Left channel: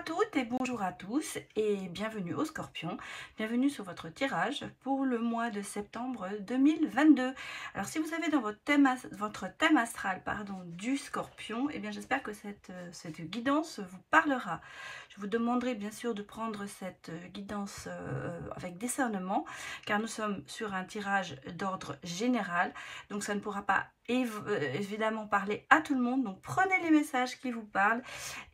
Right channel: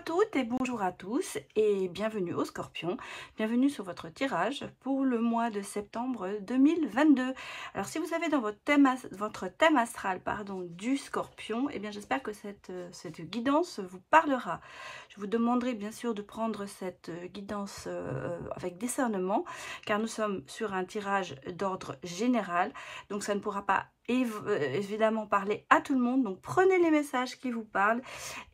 à toutes et bonjour à tous et bienvenue au Scorpion, bienvenue sur votre tirage pour le mois de septembre 2022. Alors si vous avez dans votre thème astral du Scorpion, eh bien j'espère que cette guidance vous parlera. Je vous demanderai bien sûr de prendre cette guidance avec discernement car nous sommes sur un tirage d'ordre général, donc ça ne pourra pas évidemment parler à tout le monde, donc prenez les messages qui vous parlent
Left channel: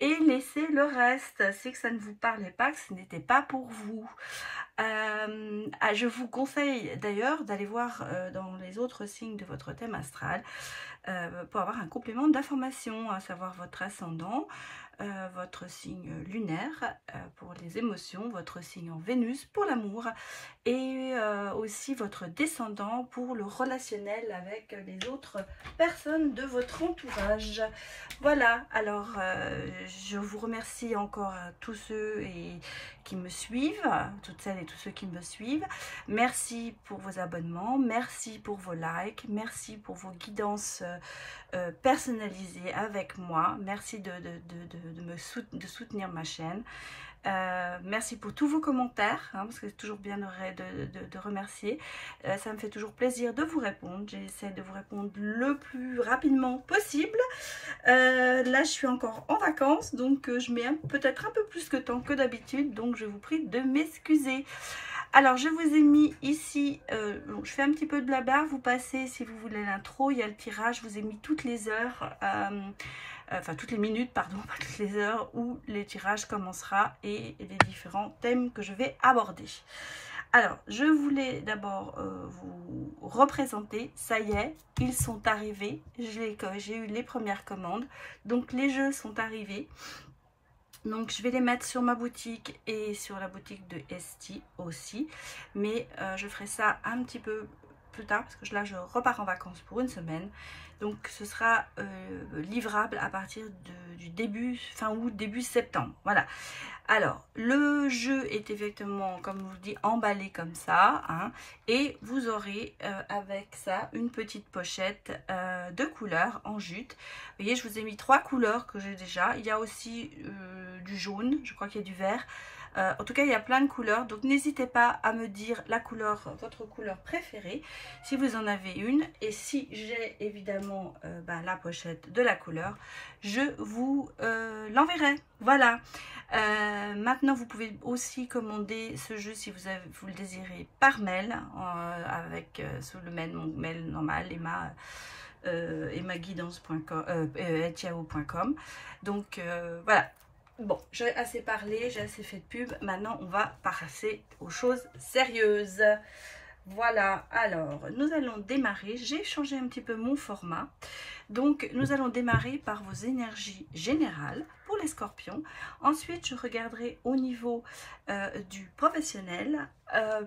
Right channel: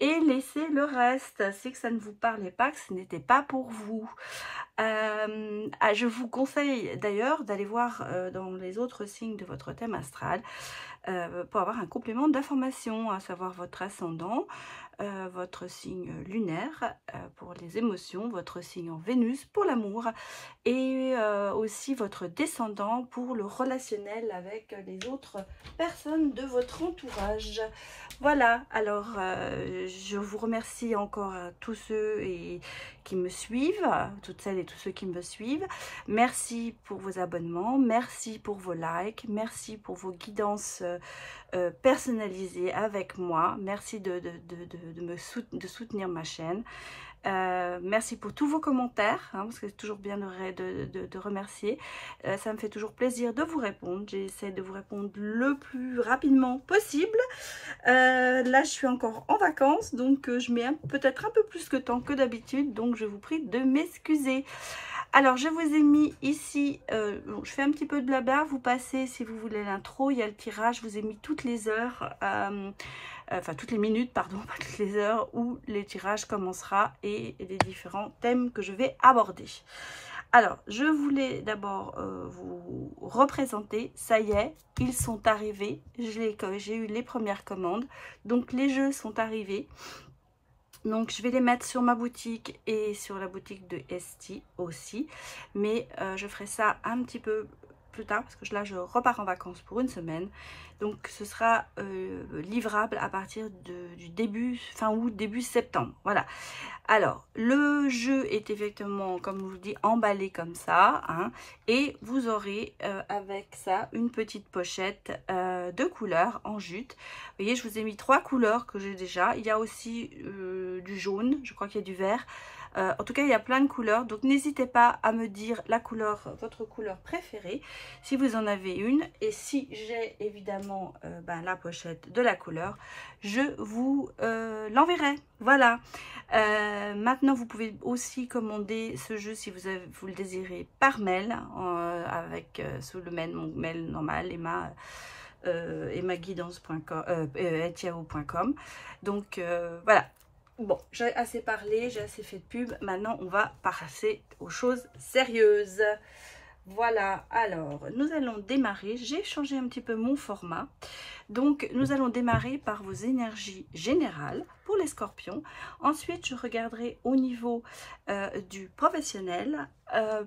et laissez le reste. Si ça ne vous parlait pas, que ce n'était pas pour vous. Je vous conseille d'ailleurs d'aller voir dans les autres signes de votre thème astral pour avoir un complément d'information, à savoir votre ascendant, votre signe lunaire pour les émotions, votre signe en Vénus pour l'amour et aussi votre descendant pour le relationnel avec les autres personnes de votre entourage. Voilà, alors je vous remercie encore à tous ceux qui me suivent, toutes celles et tous ceux qui me suivent. Merci pour vos abonnements, merci pour vos likes, merci pour vos guidances personnalisées avec moi. Merci de soutenir ma chaîne. Merci pour tous vos commentaires, parce que c'est toujours bien de remercier. Ça me fait toujours plaisir de vous répondre. J'essaie de vous répondre le plus rapidement possible. Là, je suis encore en vacances, donc je mets peut-être un peu plus de temps que d'habitude, donc je vous prie de m'excuser. Alors, je vous ai mis ici, je fais un petit peu de blabla, vous passez si vous voulez l'intro, il y a le tirage, je vous ai mis toutes les heures, enfin toutes les minutes, pardon, pas toutes les heures où les tirages commencera et les différents thèmes que je vais aborder. Alors, je voulais d'abord vous représenter, ça y est, ils sont arrivés, j'ai eu les premières commandes, donc les jeux sont arrivés. Donc je vais les mettre sur ma boutique et sur la boutique de Esti aussi. Mais je ferai ça un petit peu plus tard parce que là je repars en vacances pour une semaine. Donc ce sera livrable à partir du début, fin août, début septembre. Voilà. Alors, le jeu est effectivement, comme je vous le dis, emballé comme ça. Et vous aurez avec ça une petite pochette de couleurs en jute. Vous voyez, je vous ai mis 3 couleurs que j'ai déjà. Il y a aussi du jaune, je crois qu'il y a du vert. En tout cas, il y a plein de couleurs. Donc, n'hésitez pas à me dire votre couleur préférée, si vous en avez une. Et si j'ai évidemment la pochette de la couleur, je vous l'enverrai. Voilà. Maintenant, vous pouvez aussi commander ce jeu si vous le désirez par mail, sous le mail, mon mail normal, emmaguidance.com. Donc, voilà. Bon, j'ai assez parlé, j'ai assez fait de pub. Maintenant, on va passer aux choses sérieuses. Voilà, alors, nous allons démarrer. J'ai changé un petit peu mon format. Donc, nous allons démarrer par vos énergies générales pour les scorpions. Ensuite, je regarderai au niveau du professionnel,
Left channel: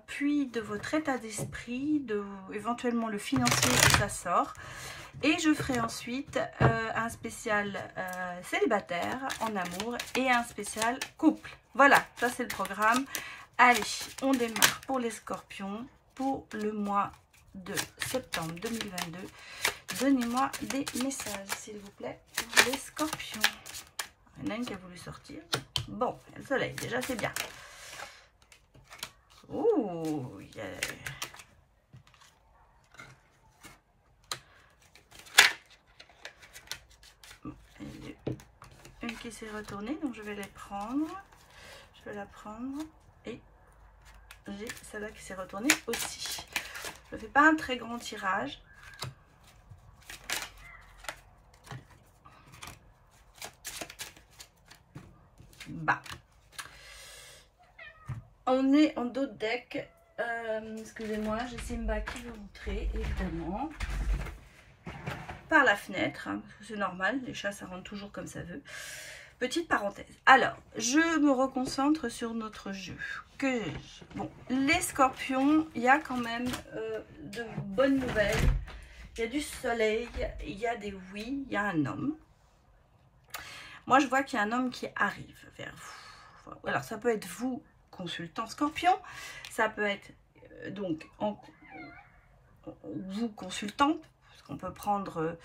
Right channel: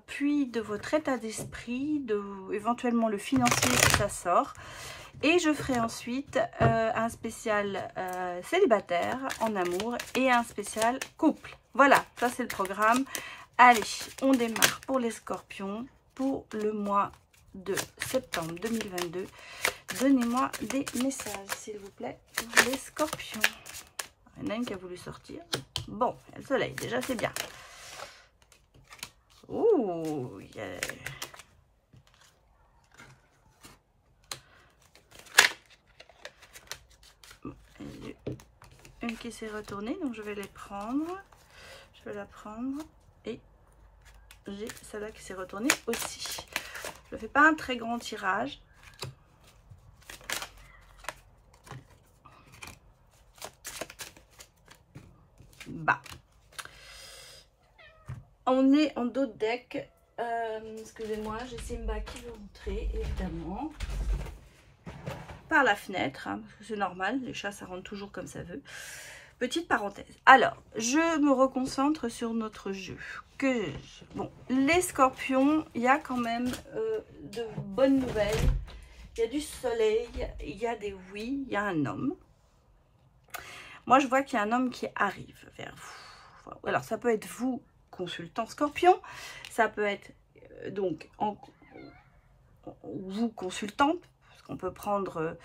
puis de votre état d'esprit, éventuellement le financier si ça sort. Et je ferai ensuite un spécial célibataire en amour et un spécial couple. Voilà, ça c'est le programme. Allez, on démarre pour les scorpions pour le mois de septembre 2022. Donnez-moi des messages, s'il vous plaît, pour les scorpions. Il y en a une qui a voulu sortir. Bon, le soleil, déjà c'est bien. Ouh, yeah. Une qui s'est retournée, donc je vais les prendre. Je vais la prendre et j'ai celle-là qui s'est retournée aussi. Je ne fais pas un très grand tirage. Bah, on est en dos de deck. Excusez-moi, j'ai Simba qui veut rentrer, évidemment. Par la fenêtre, parce que c'est normal, les chats ça rentre toujours comme ça veut. Petite parenthèse. Alors, je me reconcentre sur notre jeu. Bon, les scorpions, il y a quand même de bonnes nouvelles. Il y a du soleil, il y a des oui, il y a un homme. Moi, je vois qu'il y a un homme qui arrive vers vous. Alors, ça peut être vous, consultant scorpion. Ça peut être donc vous, consultant. On peut prendre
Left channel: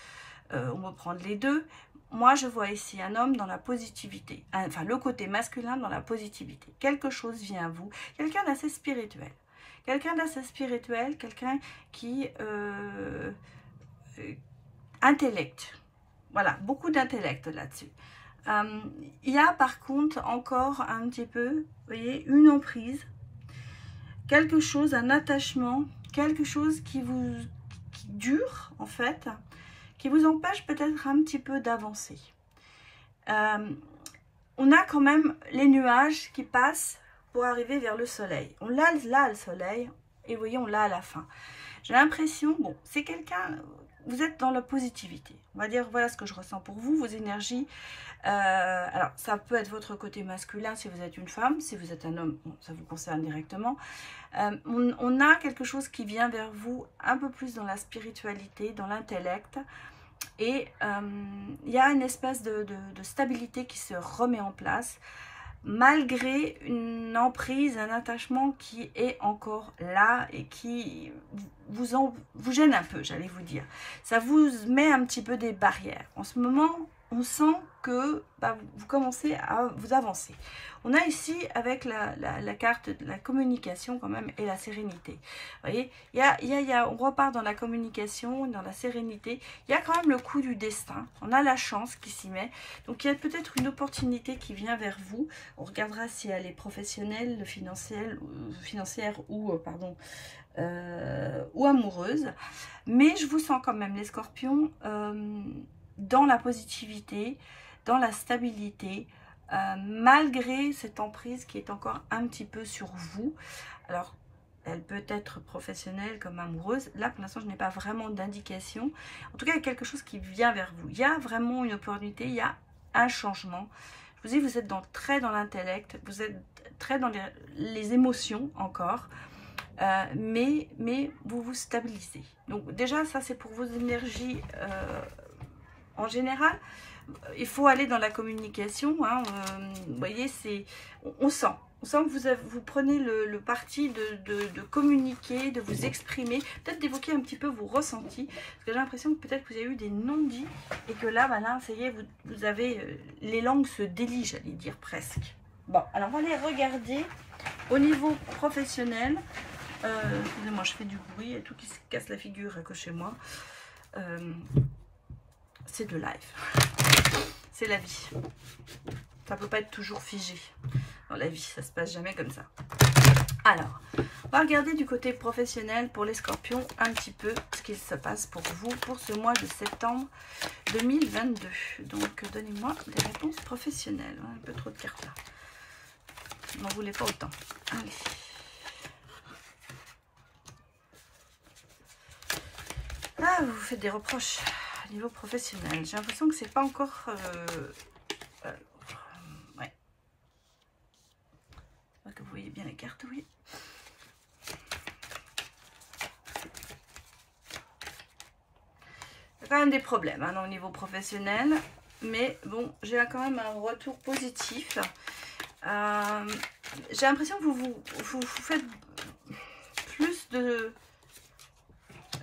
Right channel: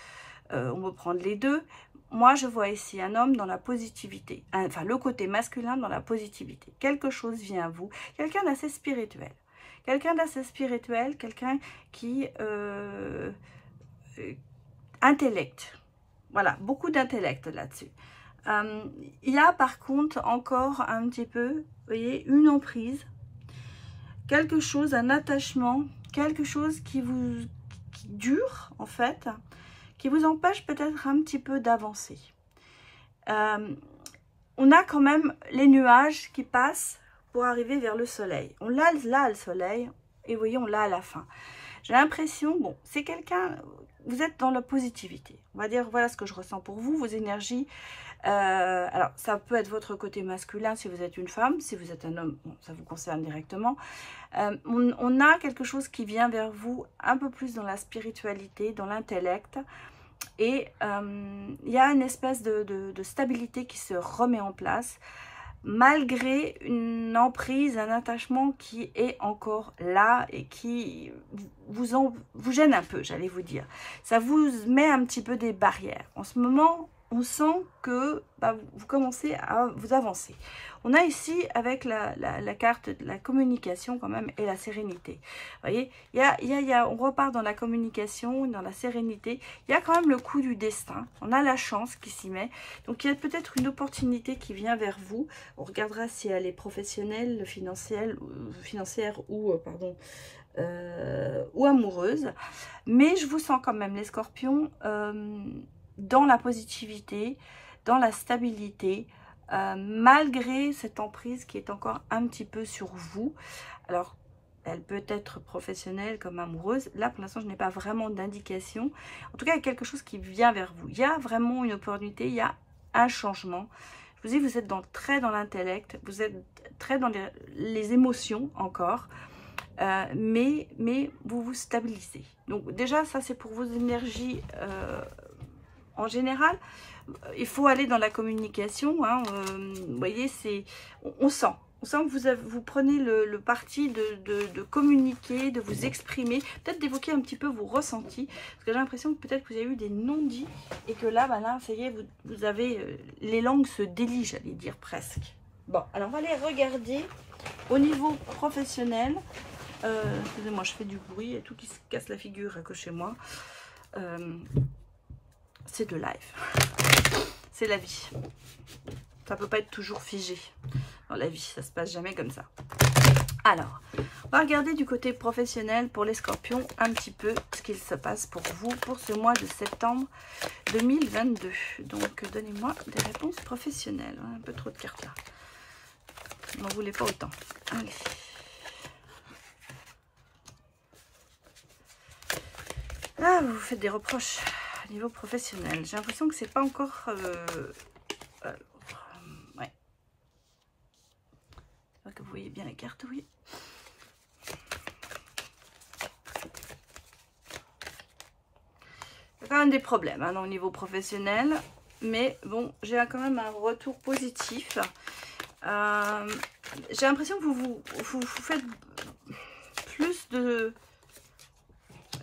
les deux. moi je vois ici un homme dans la positivité, enfin le côté masculin dans la positivité. Quelque chose vient à vous, quelqu'un d'assez spirituel. Quelqu'un d'assez spirituel, quelqu'un qui... intellect. Voilà, beaucoup d'intellect là-dessus. Il y a par contre encore un petit peu, vous voyez, une emprise, quelque chose, un attachement, quelque chose qui dure en fait, qui vous empêche peut-être un petit peu d'avancer. On a quand même les nuages qui passent pour arriver vers le soleil. On l'a là le soleil et vous voyez on l'a à la fin. J'ai l'impression, bon, c'est quelqu'un, vous êtes dans la positivité. On va dire, voilà ce que je ressens pour vous, vos énergies. Alors, ça peut être votre côté masculin si vous êtes une femme. Si vous êtes un homme, bon, ça vous concerne directement. On a quelque chose qui vient vers vous un peu plus dans la spiritualité, dans l'intellect. Et il y a une espèce de stabilité qui se remet en place, malgré une emprise, un attachement qui est encore là et qui vous gêne un peu, j'allais vous dire. Ça vous met un petit peu des barrières. En ce moment, on sent que vous commencez à vous avancer. On a ici, avec la carte de la communication quand même et la sérénité. Vous voyez, on repart dans la communication, dans la sérénité. Il y a quand même le coup du destin. On a la chance qui s'y met. Donc, il y a peut-être une opportunité qui vient vers vous. On regardera si elle est professionnelle, financière ou, ou amoureuse. Mais je vous sens quand même, les scorpions, dans la positivité, dans la stabilité, malgré cette emprise qui est encore un petit peu sur vous. Alors, elle peut être professionnelle comme amoureuse. Là, pour l'instant, je n'ai pas vraiment d'indication. En tout cas, il y a quelque chose qui vient vers vous. Il y a vraiment une opportunité, il y a un changement. Je vous dis, vous êtes très dans l'intellect, vous êtes très dans les émotions encore. Mais vous vous stabilisez. Donc déjà, ça, c'est pour vos énergies en général. Il faut aller dans la communication, hein, vous voyez, on sent que vous prenez le parti de communiquer, de vous exprimer, peut-être d'évoquer un petit peu vos ressentis, parce que j'ai l'impression que peut-être que vous avez eu des non-dits, et que là, là, ça y est, vous avez, les langues se délient, j'allais dire presque. Bon, alors on va aller regarder au niveau professionnel. Excusez-moi, je fais du bruit, il y a tout qui se casse la figure que chez moi. C'est de live. C'est la vie. Ça peut pas être toujours figé dans la vie. Ça se passe jamais comme ça. Alors, on va regarder du côté professionnel pour les scorpions un petit peu ce qu'il se passe pour vous pour ce mois de septembre 2022. Donc, donnez-moi des réponses professionnelles. Un peu trop de cartes là. N'en voulez pas autant. Allez. Ah, vous faites des reproches au niveau professionnel. J'ai l'impression que c'est pas encore... ouais. J'espère que vous voyez bien les cartes, oui. Il y a quand même des problèmes hein, au niveau professionnel. Mais bon, j'ai quand même un retour positif. J'ai l'impression que vous faites plus de...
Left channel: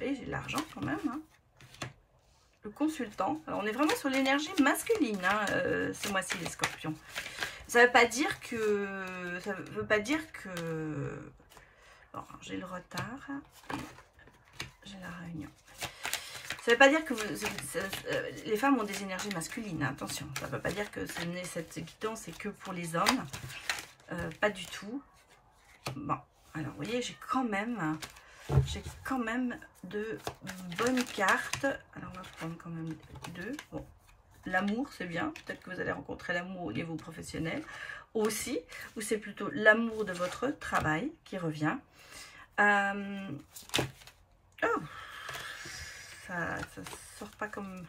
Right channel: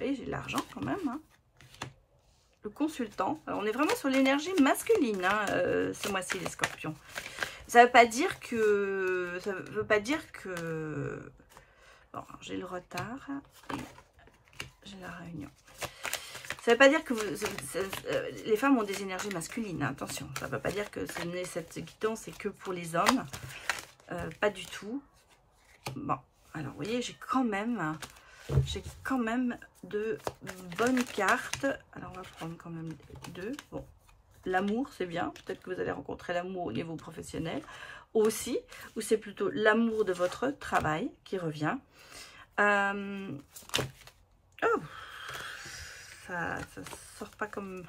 Et j'ai de l'argent quand même. Hein. Le consultant. Alors, on est vraiment sur l'énergie masculine hein, ce mois-ci, les scorpions. Ça ne veut pas dire que... Ça veut pas dire que... Bon, j'ai le retard. J'ai la réunion. Ça ne veut pas dire que les femmes ont des énergies masculines. Hein, attention. Ça ne veut pas dire que cette guidance c'est que pour les hommes. Pas du tout. Bon. Alors, vous voyez, j'ai quand même de bonnes cartes. Alors, on va prendre quand même deux. Bon, l'amour, c'est bien. Peut-être que vous allez rencontrer l'amour au niveau professionnel aussi. Ou c'est plutôt l'amour de votre travail qui revient. Oh, ça sort pas comme...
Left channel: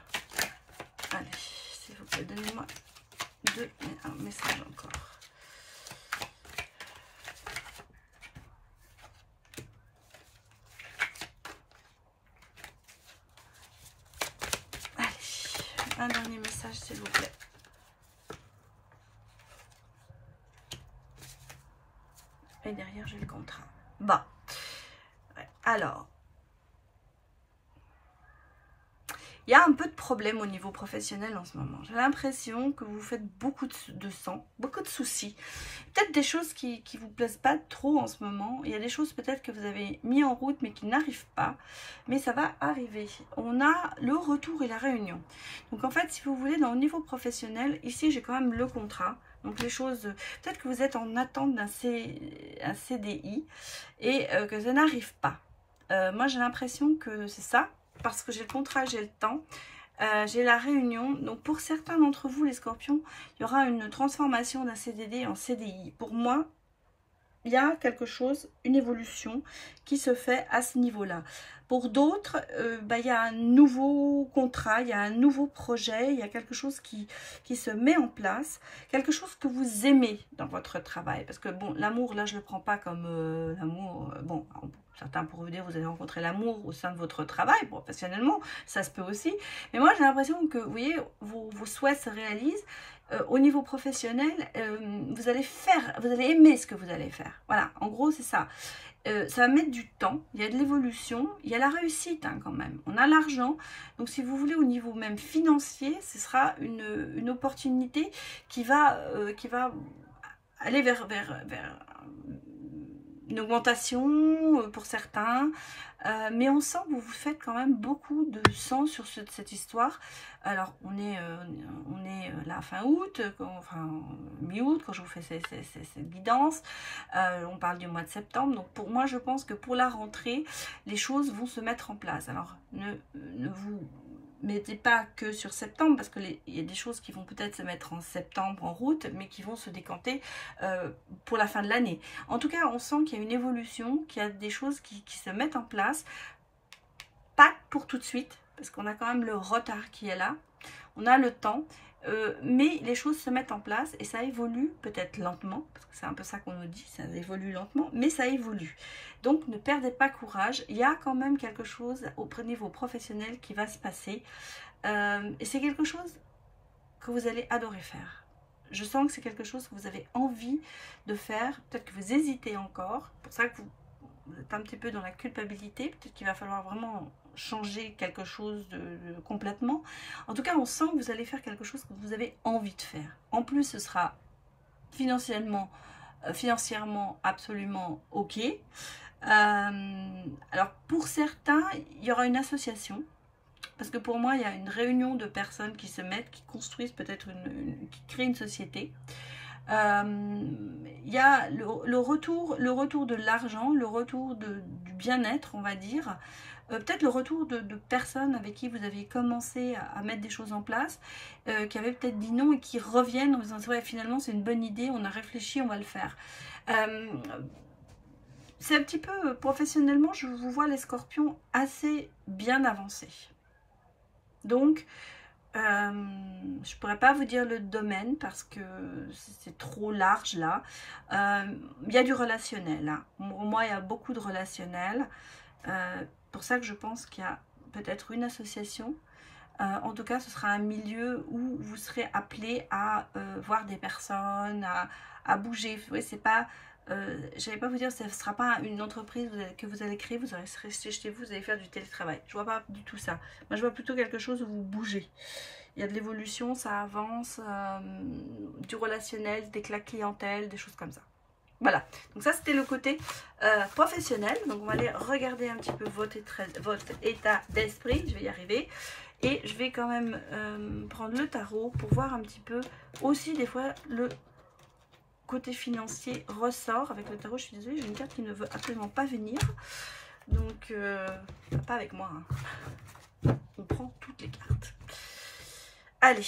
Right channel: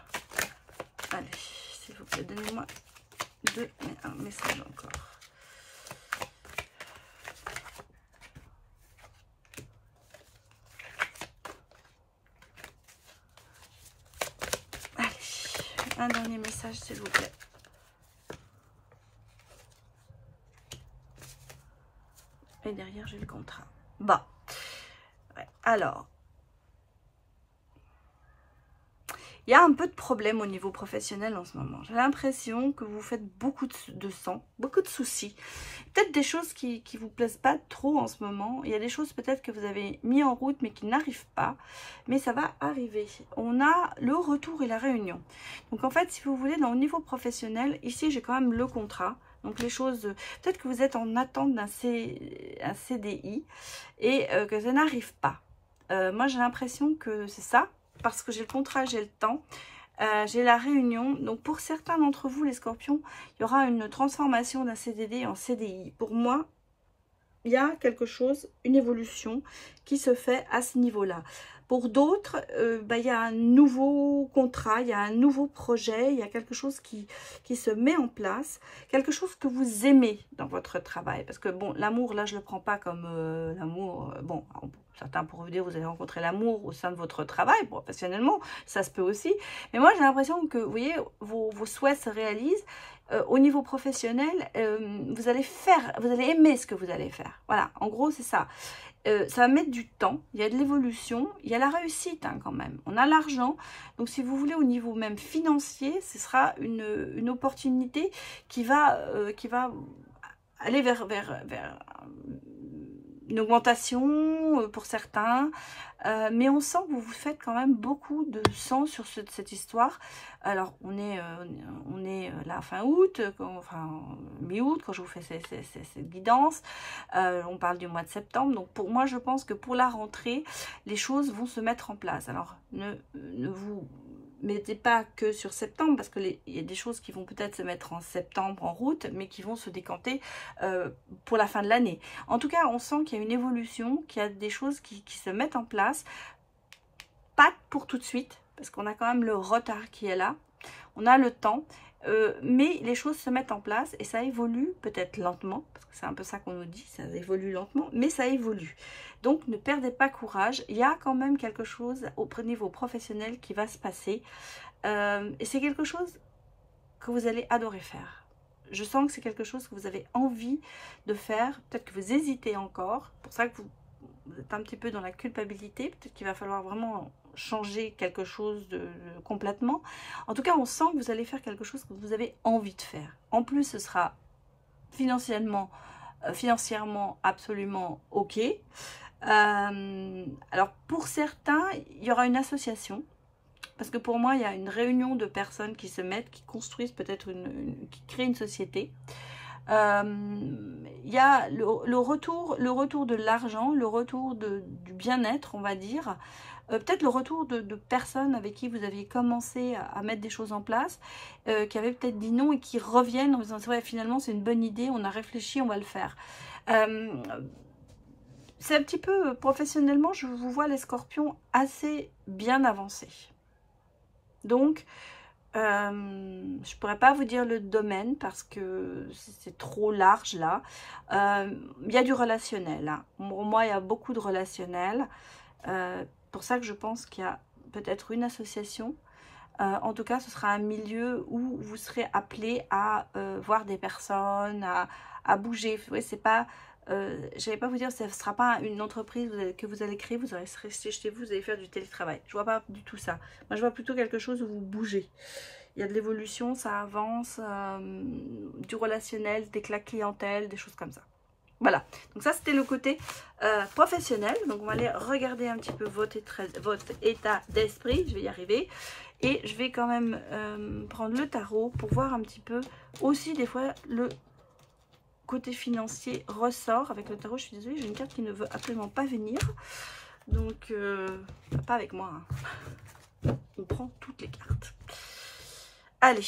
Allez, s'il vous plaît, donnez-moi un message encore. Un dernier message, s'il vous plaît. Et derrière, j'ai le contrat. Bon. Ouais. Alors. Il y a un un peu de problème au niveau professionnel en ce moment. J'ai l'impression que vous faites beaucoup de sang, beaucoup de soucis. Peut-être des choses qui vous plaisent pas trop en ce moment. Il y a des choses peut-être que vous avez mis en route mais qui n'arrivent pas. Mais ça va arriver. On a le retour et la réunion. Donc en fait, si vous voulez, au niveau professionnel, ici j'ai quand même le contrat. Donc les choses, peut-être que vous êtes en attente d'un CDI et que ça n'arrive pas. Moi j'ai l'impression que c'est ça. Parce que j'ai le contrat, j'ai le temps, j'ai la réunion. Donc pour certains d'entre vous, les scorpions, il y aura une transformation d'un CDD en CDI. Pour moi, il y a quelque chose, une évolution qui se fait à ce niveau-là. Pour d'autres, il y a un nouveau contrat, il y a un nouveau projet, il y a quelque chose qui se met en place, quelque chose que vous aimez dans votre travail. Parce que bon, l'amour, là, je ne le prends pas comme l'amour, bon, certains pourraient vous dire, vous allez rencontrer l'amour au sein de votre travail, professionnellement, ça se peut aussi. Mais moi, j'ai l'impression que, vous voyez, vos souhaits se réalisent. Au niveau professionnel, vous allez aimer ce que vous allez faire. Voilà, en gros, c'est ça. Ça va mettre du temps, il y a de l'évolution, il y a la réussite hein, quand même. On a l'argent, donc si vous voulez au niveau même financier, ce sera une opportunité qui va aller vers une augmentation pour certains. Mais on sent que vous faites quand même beaucoup de sang sur cette histoire. Alors, on est là fin août, enfin mi-août, quand je vous fais cette guidance. On parle du mois de septembre. Donc, pour moi, je pense que pour la rentrée, les choses vont se mettre en place. Alors, ne vous mettez pas que sur septembre, parce qu'il y a des choses qui vont peut-être se mettre en septembre, en route, mais qui vont se décanter pour la fin de l'année. En tout cas, on sent qu'il y a une évolution, qu'il y a des choses qui se mettent en place. Pas pour tout de suite, parce qu'on a quand même le retard qui est là. On a le temps, mais les choses se mettent en place et ça évolue peut-être lentement, parce que c'est un peu ça qu'on nous dit, ça évolue lentement, mais ça évolue. Donc, ne perdez pas courage. Il y a quand même quelque chose au niveau professionnel qui va se passer. Et c'est quelque chose que vous allez adorer faire. Je sens que c'est quelque chose que vous avez envie de faire. Peut-être que vous hésitez encore. C'est pour ça que vous êtes un petit peu dans la culpabilité. Peut-être qu'il va falloir vraiment changer quelque chose complètement. En tout cas, on sent que vous allez faire quelque chose que vous avez envie de faire. En plus, ce sera financièrement absolument OK. Alors pour certains, il y aura une association, parce que pour moi il y a une réunion de personnes qui se mettent, qui construisent peut-être qui créent une société. Il y a le retour de l'argent, le retour du bien-être, on va dire. Peut-être le retour de personnes avec qui vous aviez commencé à mettre des choses en place, qui avaient peut-être dit non et qui reviennent en disant ouais, finalement c'est une bonne idée, on a réfléchi, on va le faire. C'est un petit peu, professionnellement, je vous vois les scorpions assez bien avancés. Donc, je ne pourrais pas vous dire le domaine parce que c'est trop large là. Il y a du relationnel. Hein. Pour moi, il y a beaucoup de relationnel. Pour ça que je pense qu'il y a peut-être une association. En tout cas, ce sera un milieu où vous serez appelé à voir des personnes, à bouger. Vous voyez, c'est pas... je n'allais pas vous dire, ce ne sera pas une entreprise que vous allez créer, vous allez rester chez vous, vous allez faire du télétravail. Je ne vois pas du tout ça. Moi, je vois plutôt quelque chose où vous bougez. Il y a de l'évolution, ça avance, du relationnel, des clientèles, des choses comme ça. Voilà, donc ça c'était le côté professionnel. Donc on va aller regarder un petit peu votre état d'esprit, je vais y arriver. Et je vais quand même prendre le tarot pour voir un petit peu aussi des fois le côté financier ressort avec le tarot. Je suis désolée, j'ai une carte qui ne veut absolument pas venir. Donc, pas avec moi. Hein. On prend toutes les cartes. Allez,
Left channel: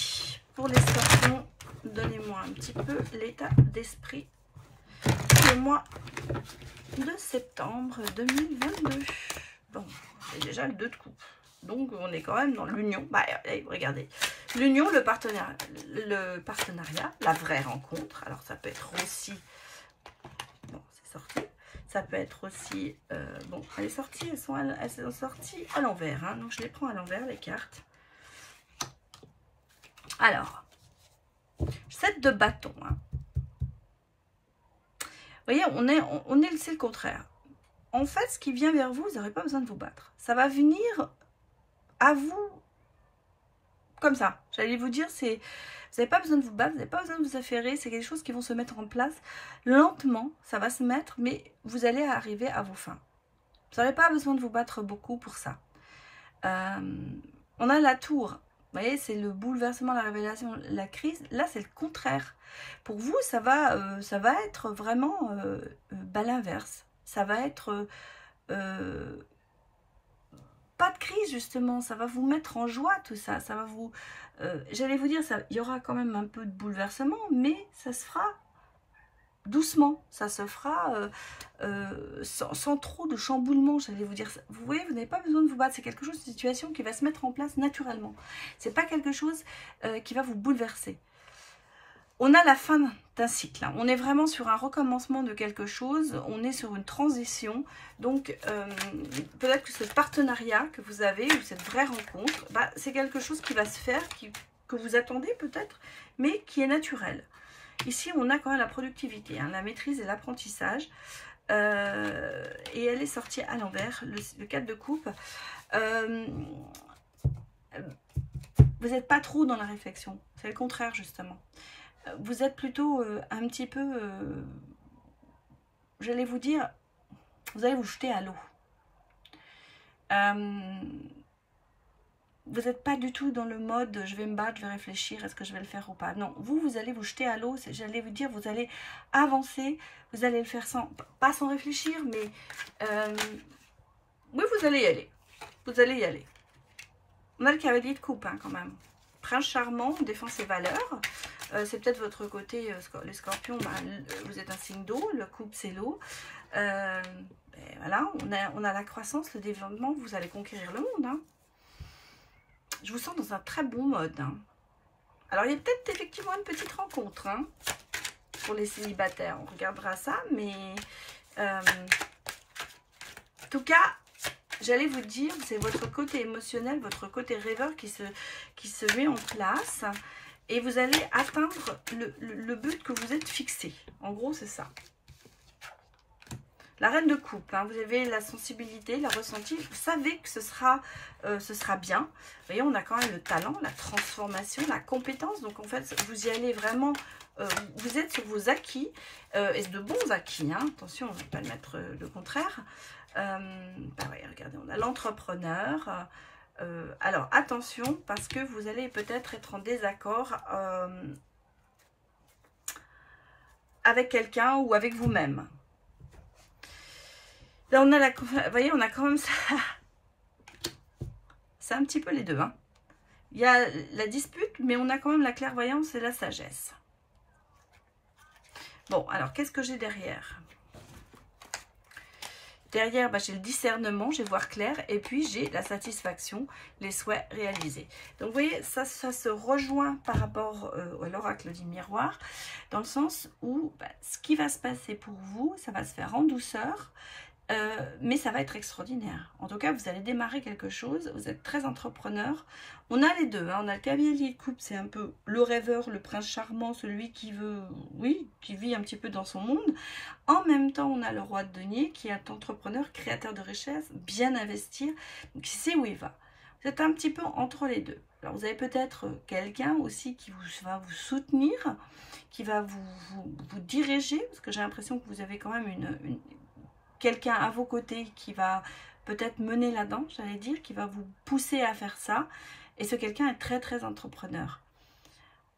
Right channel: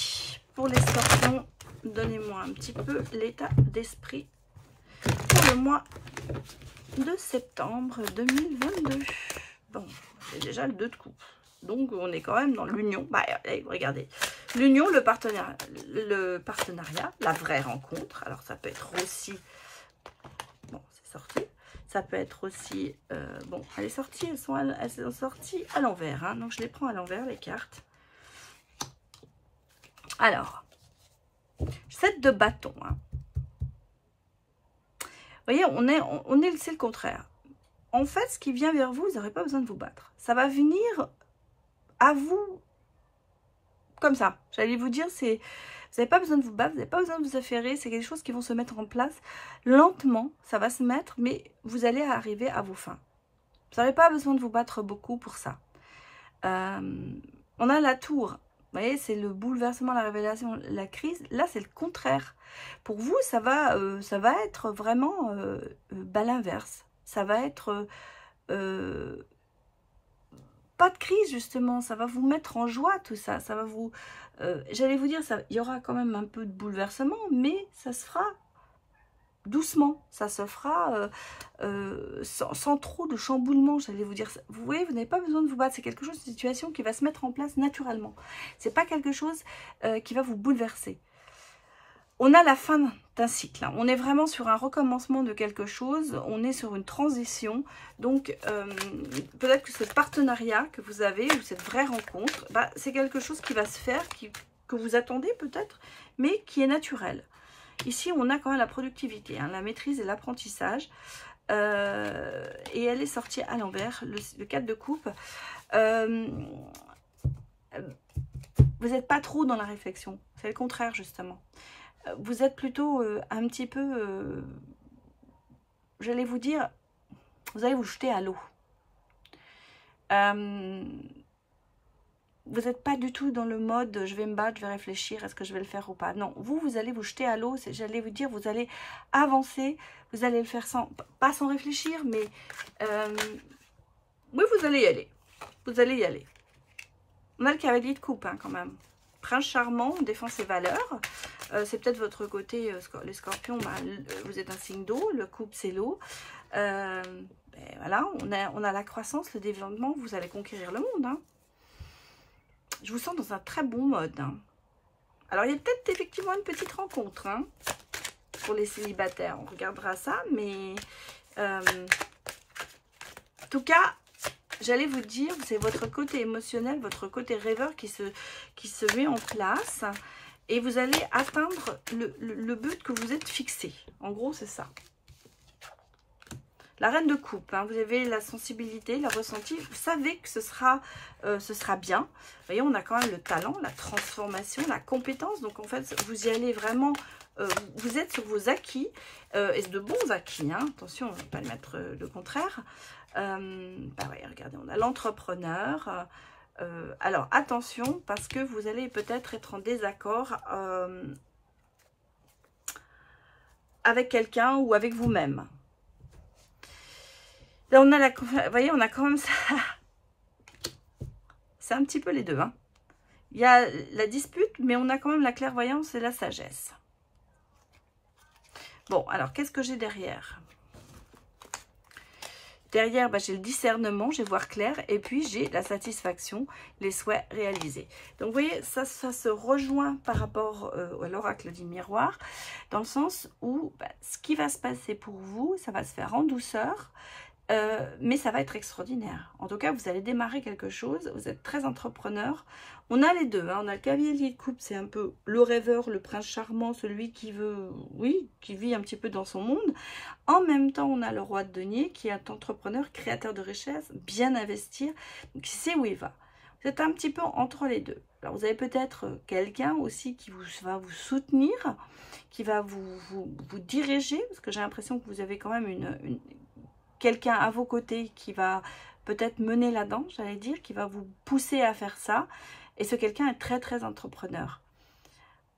pour les scorpions, donnez-moi un petit peu l'état d'esprit pour le mois de septembre 2022. Bon, c'est déjà le 2 de coupe. Donc, on est quand même dans l'union. Bah, regardez. L'union, le partenariat, la vraie rencontre. Alors, ça peut être aussi... Bon, c'est sorti. Ça peut être aussi... bon, elle est sortie. Elles sont sorties à l'envers. Hein, donc, je les prends à l'envers, les cartes. Alors, 7 de bâton. Hein. Vous voyez, c'est le contraire. En fait, ce qui vient vers vous, vous n'aurez pas besoin de vous battre. Ça va venir à vous comme ça. J'allais vous dire, vous n'avez pas besoin de vous battre, vous n'avez pas besoin de vous affairer. C'est quelque chose qui vont se mettre en place lentement. Ça va se mettre, mais vous allez arriver à vos fins. Vous n'avez pas besoin de vous battre beaucoup pour ça. On a la tour. Vous voyez, c'est le bouleversement, la révélation, la crise. Là, c'est le contraire. Pour vous, ça va être vraiment l'inverse. Ça va être pas de crise, justement. Ça va vous mettre en joie, tout ça. Ça va vous... J'allais vous dire, il y aura quand même un peu de bouleversement, mais ça se fera doucement. Ça se fera sans trop de chamboulement, j'allais vous dire. Vous voyez, vous n'avez pas besoin de vous battre. C'est quelque chose, une situation qui va se mettre en place naturellement. C'est pas quelque chose qui va vous bouleverser. On a la fin d'un cycle. On est vraiment sur un recommencement de quelque chose. On est sur une transition. Donc, peut-être que ce partenariat que vous avez, ou cette vraie rencontre, bah, c'est quelque chose qui va se faire, que vous attendez peut-être, mais qui est naturel. Ici, on a quand même la productivité, hein, la maîtrise et l'apprentissage. Et elle est sortie à l'envers, le 4 de coupe. Vous n'êtes pas trop dans la réflexion. C'est le contraire, justement. Vous êtes plutôt un petit peu, j'allais vous dire, vous allez vous jeter à l'eau. Vous n'êtes pas du tout dans le mode je vais me battre, je vais réfléchir, est-ce que je vais le faire ou pas. Non, vous allez vous jeter à l'eau, j'allais vous dire, vous allez avancer, vous allez le faire pas sans réfléchir, mais oui, vous allez y aller. Vous allez y aller. On a le cavalier de coupe, hein, quand même. Prince charmant, on défend ses valeurs. C'est peut-être votre côté, les scorpions, bah, vous êtes un signe d'eau, le couple c'est l'eau. Voilà, on a la croissance, le développement, vous allez conquérir le monde. Hein. Je vous sens dans un très bon mode. Hein. Alors, il y a peut-être effectivement une petite rencontre hein, pour les célibataires. On regardera ça, mais en tout cas, j'allais vous dire, c'est votre côté émotionnel, votre côté rêveur qui se met en place. Et vous allez atteindre le but que vous êtes fixé. En gros, c'est ça. La reine de coupe, hein, vous avez la sensibilité, le ressenti. Vous savez que ce sera bien. Vous voyez, on a quand même le talent, la transformation, la compétence. Donc, en fait, vous y allez vraiment... vous êtes sur vos acquis. Et de bons acquis. Hein. Attention, on ne va pas mettre le contraire. Bah ouais, regardez, on a l'entrepreneur... alors, attention, parce que vous allez peut-être être en désaccord avec quelqu'un ou avec vous-même. Là, on a vous voyez, on a quand même ça. C'est un petit peu les deux. Hein. Il y a la dispute, mais on a quand même la clairvoyance et la sagesse. Bon, alors, qu'est-ce que j'ai derrière ? Derrière, bah, j'ai le discernement, j'ai voir clair, et puis j'ai la satisfaction, les souhaits réalisés. Donc, vous voyez, ça se rejoint par rapport à l'oracle du miroir, dans le sens où bah, ce qui va se passer pour vous, ça va se faire en douceur, mais ça va être extraordinaire. En tout cas, vous allez démarrer quelque chose, vous êtes très entrepreneur. On a les deux, hein. On a le cavalier de coupe, c'est un peu le rêveur, le prince charmant, celui qui veut, oui, qui vit un petit peu dans son monde. En même temps, on a le roi de denier qui est entrepreneur, créateur de richesse, bien investir, qui sait où il va. Vous êtes un petit peu entre les deux. Alors, vous avez peut-être quelqu'un aussi qui va vous soutenir, qui va vous diriger, parce que j'ai l'impression que vous avez quand même quelqu'un à vos côtés qui va peut-être mener la danse, j'allais dire, qui va vous pousser à faire ça. Et ce quelqu'un est très, très entrepreneur.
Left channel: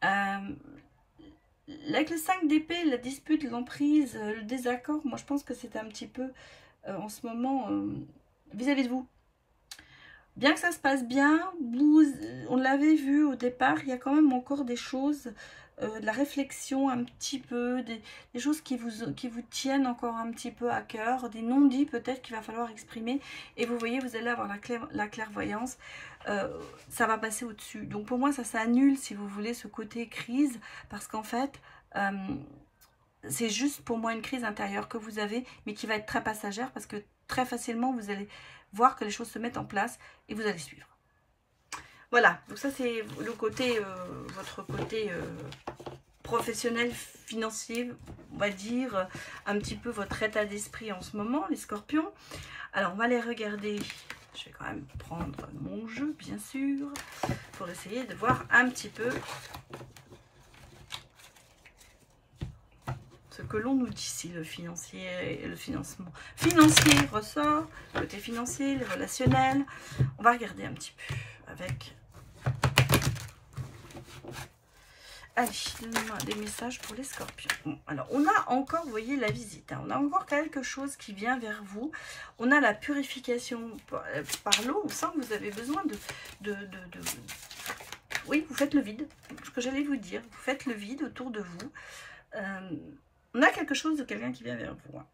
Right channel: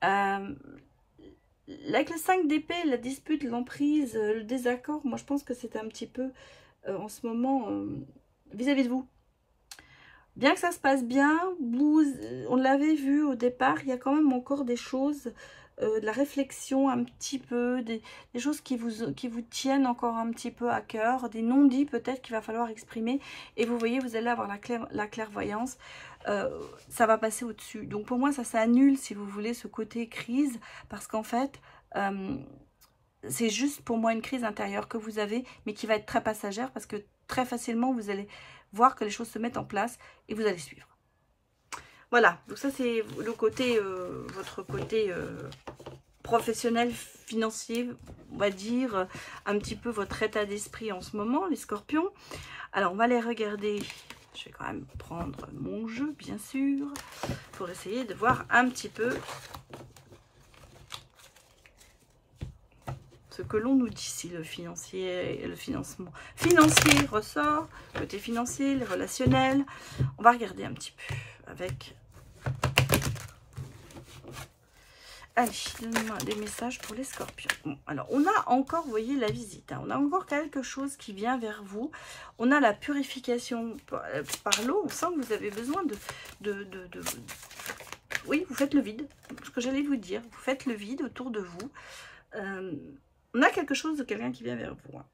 Avec le 5 d'épée, la dispute, l'emprise, le désaccord, moi je pense que c'est un petit peu en ce moment vis-à-vis de vous. Bien que ça se passe bien, on l'avait vu au départ, il y a quand même encore des choses, de la réflexion un petit peu, des choses qui vous tiennent encore un petit peu à cœur, des non-dits peut-être qu'il va falloir exprimer. Et vous voyez, vous allez avoir la clairvoyance. Ça va passer au-dessus. Donc pour moi, ça annule, si vous voulez, ce côté crise, parce qu'en fait, c'est juste pour moi une crise intérieure que vous avez, mais qui va être très passagère, parce que très facilement, vous allez voir que les choses se mettent en place et vous allez suivre. Voilà, donc ça c'est le côté, votre côté professionnel, financier, on va dire, un petit peu votre état d'esprit en ce moment, les scorpions. Alors on va les regarder. Je vais quand même prendre mon jeu, bien sûr. pour essayer de voir un petit peu ce que l'on nous dit. Si le financier, le financement financier ressort, côté financier, les relationnels, on va regarder un petit peu avec... Allez, des messages pour les scorpions. Bon, alors, on a encore, vous voyez, la visite. Hein, on a encore quelque chose qui vient vers vous. On a la purification par l'eau. On sent que vous avez besoin Oui, vous faites le vide. Ce que j'allais vous dire. Vous faites le vide autour de vous. On a quelque chose de quelqu'un qui vient vers vous. Hein.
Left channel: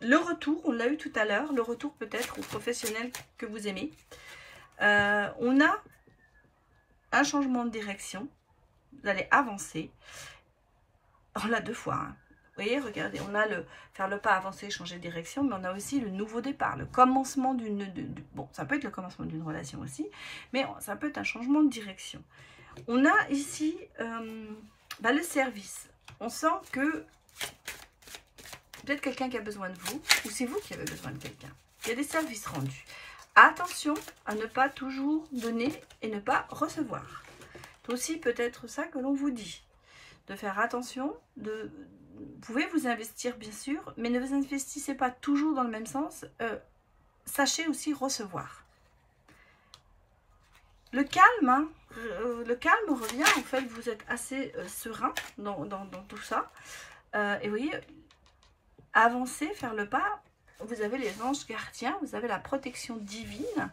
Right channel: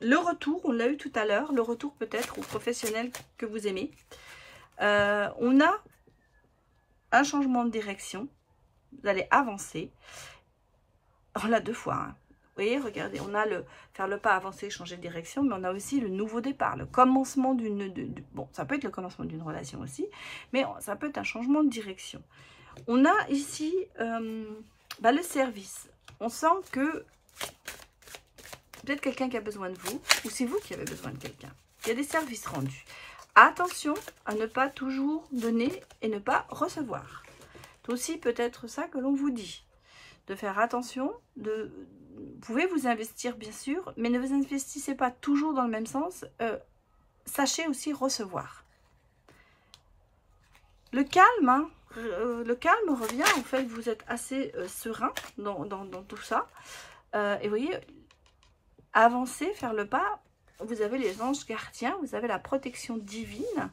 Le retour, on l'a eu tout à l'heure. Le retour peut-être au professionnel que vous aimez. On a un changement de direction. Vous allez avancer. On l'a 2 fois. Hein. Vous voyez, regardez, on a faire le pas, avancer, changer de direction, mais on a aussi le nouveau départ, le commencement d'une... Bon, ça peut être le commencement d'une relation aussi, mais ça peut être un changement de direction. On a ici le service. On sent que peut-être quelqu'un qui a besoin de vous, ou c'est vous qui avez besoin de quelqu'un. Il y a des services rendus. Attention à ne pas toujours donner et ne pas recevoir. C'est aussi peut-être ça que l'on vous dit. De faire attention, vous pouvez vous investir bien sûr, mais ne vous investissez pas toujours dans le même sens. Sachez aussi recevoir. Le calme, hein, le calme revient, en fait, vous êtes assez serein dans tout ça. Et vous voyez, avancer, faire le pas, vous avez les anges gardiens, vous avez la protection divine.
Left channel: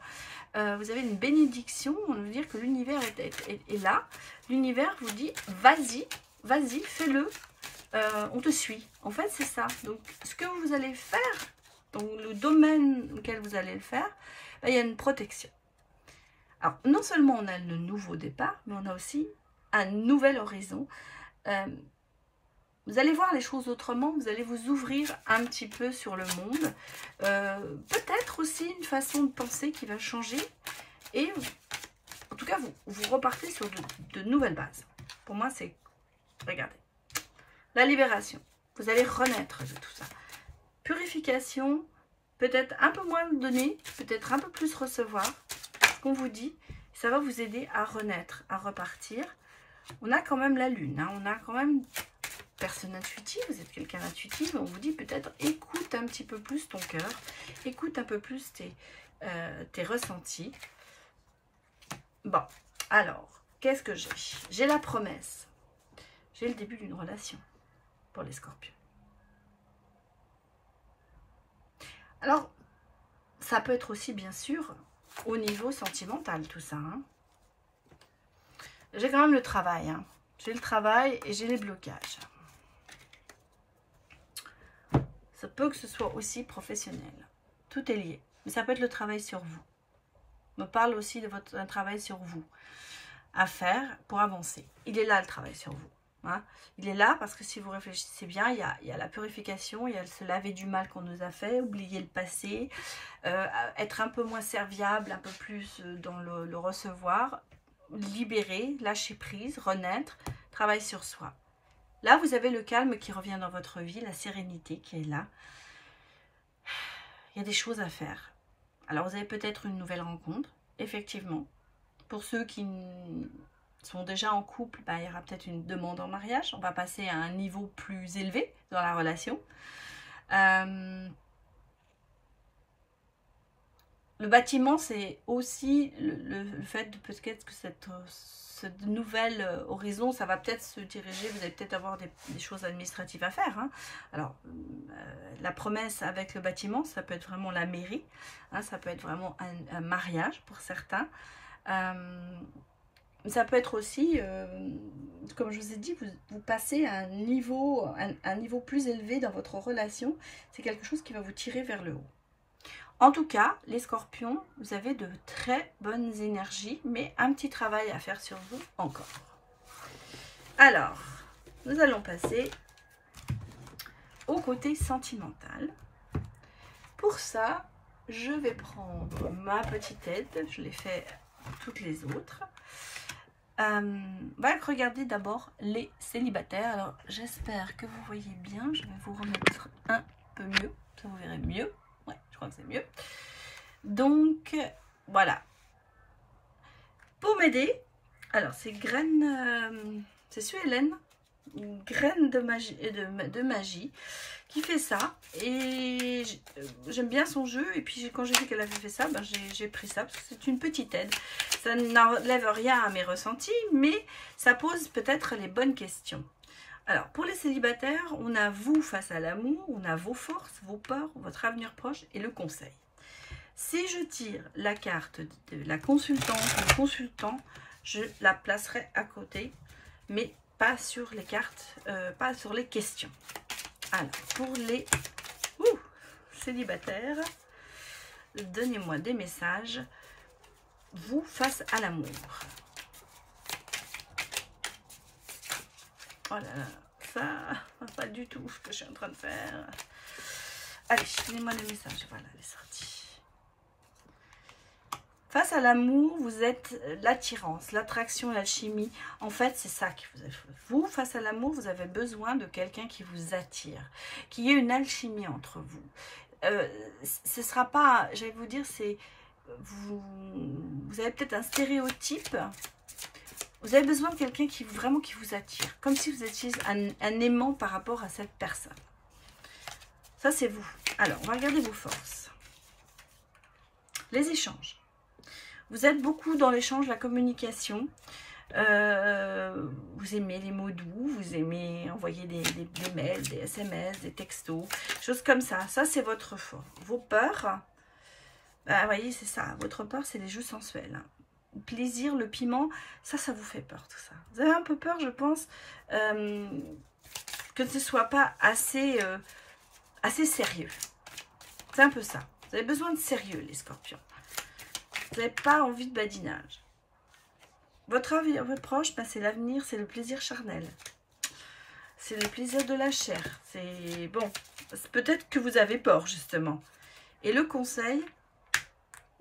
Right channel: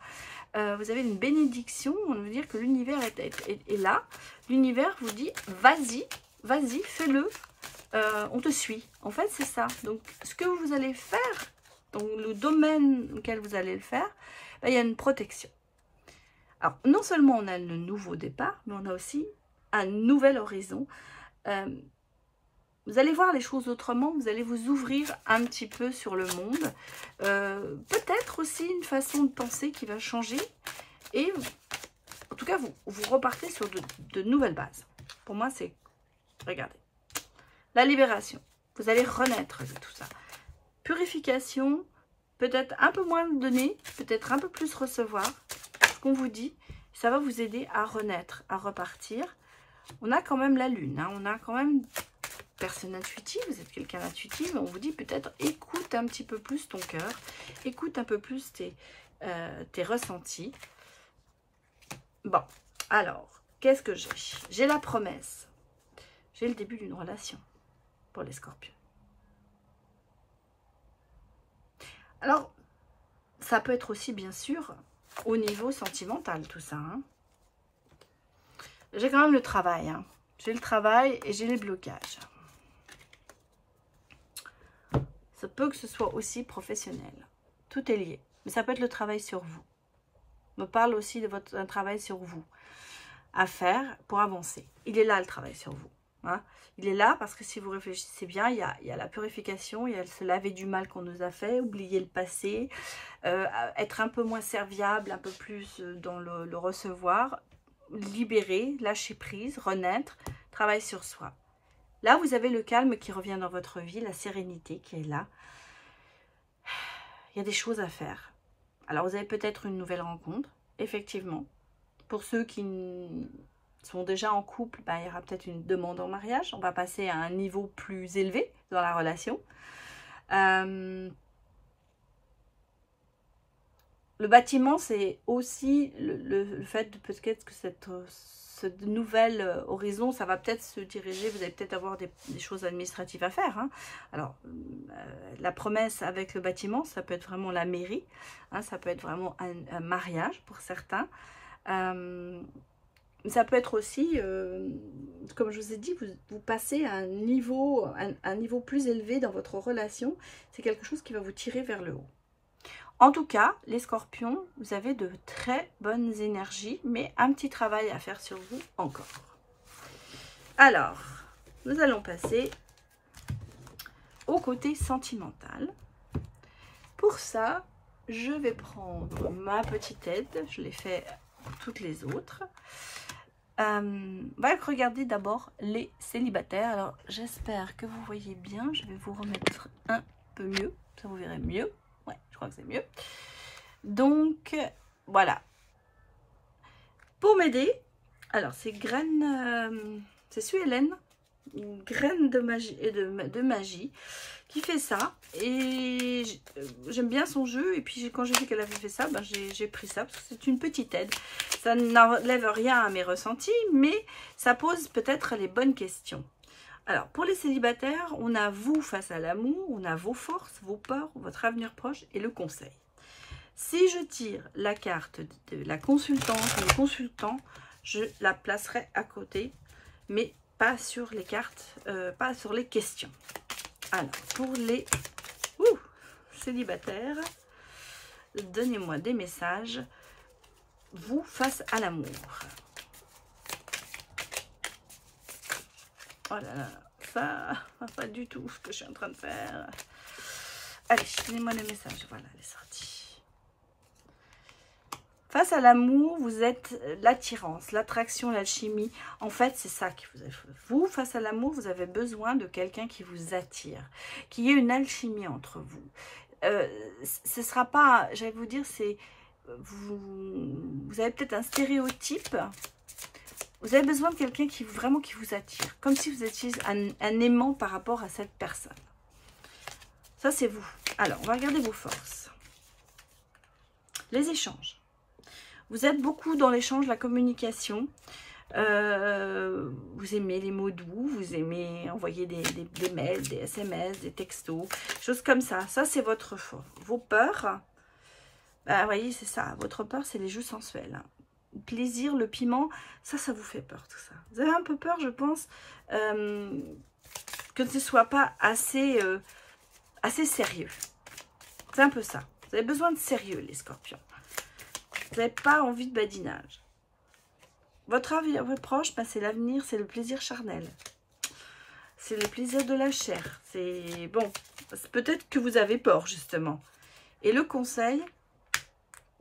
Vous avez une bénédiction, on veut dire que l'univers est là. L'univers vous dit, vas-y, fais-le, on te suit. En fait, c'est ça. Donc, ce que vous allez faire, dans le domaine auquel vous allez le faire, il y a une protection. Alors, non seulement on a le nouveau départ, mais on a aussi un nouvel horizon. Vous allez voir les choses autrement, vous allez vous ouvrir un petit peu sur le monde. Peut-être aussi une façon de penser qui va changer. Et en tout cas, vous repartez sur de nouvelles bases. Pour moi, c'est... Regardez. La libération. Vous allez renaître de tout ça. Purification. Peut-être un peu moins donner, peut-être un peu plus recevoir. Ce qu'on vous dit, ça va vous aider à renaître, à repartir. On a quand même la lune. Hein, on a quand même... Personne intuitive, vous êtes quelqu'un d'intuitif, on vous dit peut-être écoute un petit peu plus ton cœur, écoute un peu plus tes ressentis. Bon, alors, qu'est-ce que j'ai? J'ai la promesse, j'ai le début d'une relation pour les scorpions. Alors, ça peut être aussi bien sûr au niveau sentimental tout ça. Hein. J'ai quand même le travail, hein. J'ai le travail et j'ai les blocages. Ça peut que ce soit aussi professionnel. Tout est lié. Mais ça peut être le travail sur vous. On me parle aussi de un travail sur vous à faire pour avancer. Il est là le travail sur vous. Hein. Il est là parce que si vous réfléchissez bien, il y a la purification, il y a se laver du mal qu'on nous a fait, oublier le passé, être un peu moins serviable, un peu plus dans le recevoir, libérer, lâcher prise, renaître, travail sur soi. Là, vous avez le calme qui revient dans votre vie, la sérénité qui est là. Il y a des choses à faire. Alors, vous avez peut-être une nouvelle rencontre, effectivement. Pour ceux qui sont déjà en couple, il y aura peut-être une demande en mariage. On va passer à un niveau plus élevé dans la relation. Le bâtiment, c'est aussi le fait de peut-être que ce nouvel horizon, ça va peut-être se diriger, vous allez peut-être avoir des choses administratives à faire. Hein. Alors, la promesse avec le bâtiment, ça peut être vraiment la mairie, hein, ça peut être vraiment un mariage pour certains. Ça peut être aussi, comme je vous ai dit, vous passez à un niveau plus élevé dans votre relation. C'est quelque chose qui va vous tirer vers le haut. En tout cas, les scorpions, vous avez de très bonnes énergies, mais un petit travail à faire sur vous encore. Alors, nous allons passer au côté sentimental. Pour ça, je vais prendre ma petite aide, je l'ai fait toutes les autres. On va regarder d'abord les célibataires. Alors, j'espère que vous voyez bien, je vais vous remettre un peu mieux, ça vous verrez mieux. Ouais, je crois que c'est mieux. Donc, voilà. Pour m'aider, Alors, c'est graines, c'est Sue-Hélène, graines de magie, qui fait ça. Et j'aime bien son jeu. Et puis, quand j'ai vu qu'elle avait fait ça, ben, j'ai pris ça parce que c'est une petite aide. Ça n'enlève rien à mes ressentis, mais ça pose peut-être les bonnes questions. Alors, pour les célibataires, on a vous face à l'amour, on a vos forces, vos peurs, votre avenir proche et le conseil. Si je tire la carte de la consultante ou le consultant, je la placerai à côté, mais pas sur les cartes, pas sur les questions. Alors, pour les célibataires, donnez-moi des messages, vous face à l'amour. Oh là là, ça, pas du tout ce que je suis en train de faire. Allez, donnez-moi le message. Voilà, elle est sortie. Face à l'amour, vous êtes l'attirance, l'attraction, l'alchimie. En fait, c'est ça que vous avez. Vous, face à l'amour, vous avez besoin de quelqu'un qui vous attire, qu'il y ait une alchimie entre vous. Ce ne sera pas, j'allais vous dire, c'est vous avez peut-être un stéréotype. Vous avez besoin de quelqu'un qui vraiment qui vous attire, comme si vous étiez un aimant par rapport à cette personne. Ça, c'est vous. Alors, on va regarder vos forces. Les échanges. Vous êtes beaucoup dans l'échange, la communication. Vous aimez les mots doux, vous aimez envoyer des mails, des SMS, des textos, choses comme ça. Ça, c'est votre fort. Vos peurs, bah, vous voyez, c'est ça. Votre peur, c'est les jeux sensuels. Le plaisir, le piment, ça vous fait peur, tout ça. Vous avez un peu peur, je pense, que ce ne soit pas assez sérieux. C'est un peu ça. Vous avez besoin de sérieux, les scorpions. Vous n'avez pas envie de badinage. Votre proche, bah, c'est l'avenir, c'est le plaisir charnel. C'est le plaisir de la chair. C'est bon. Peut-être que vous avez peur, justement. Et le conseil,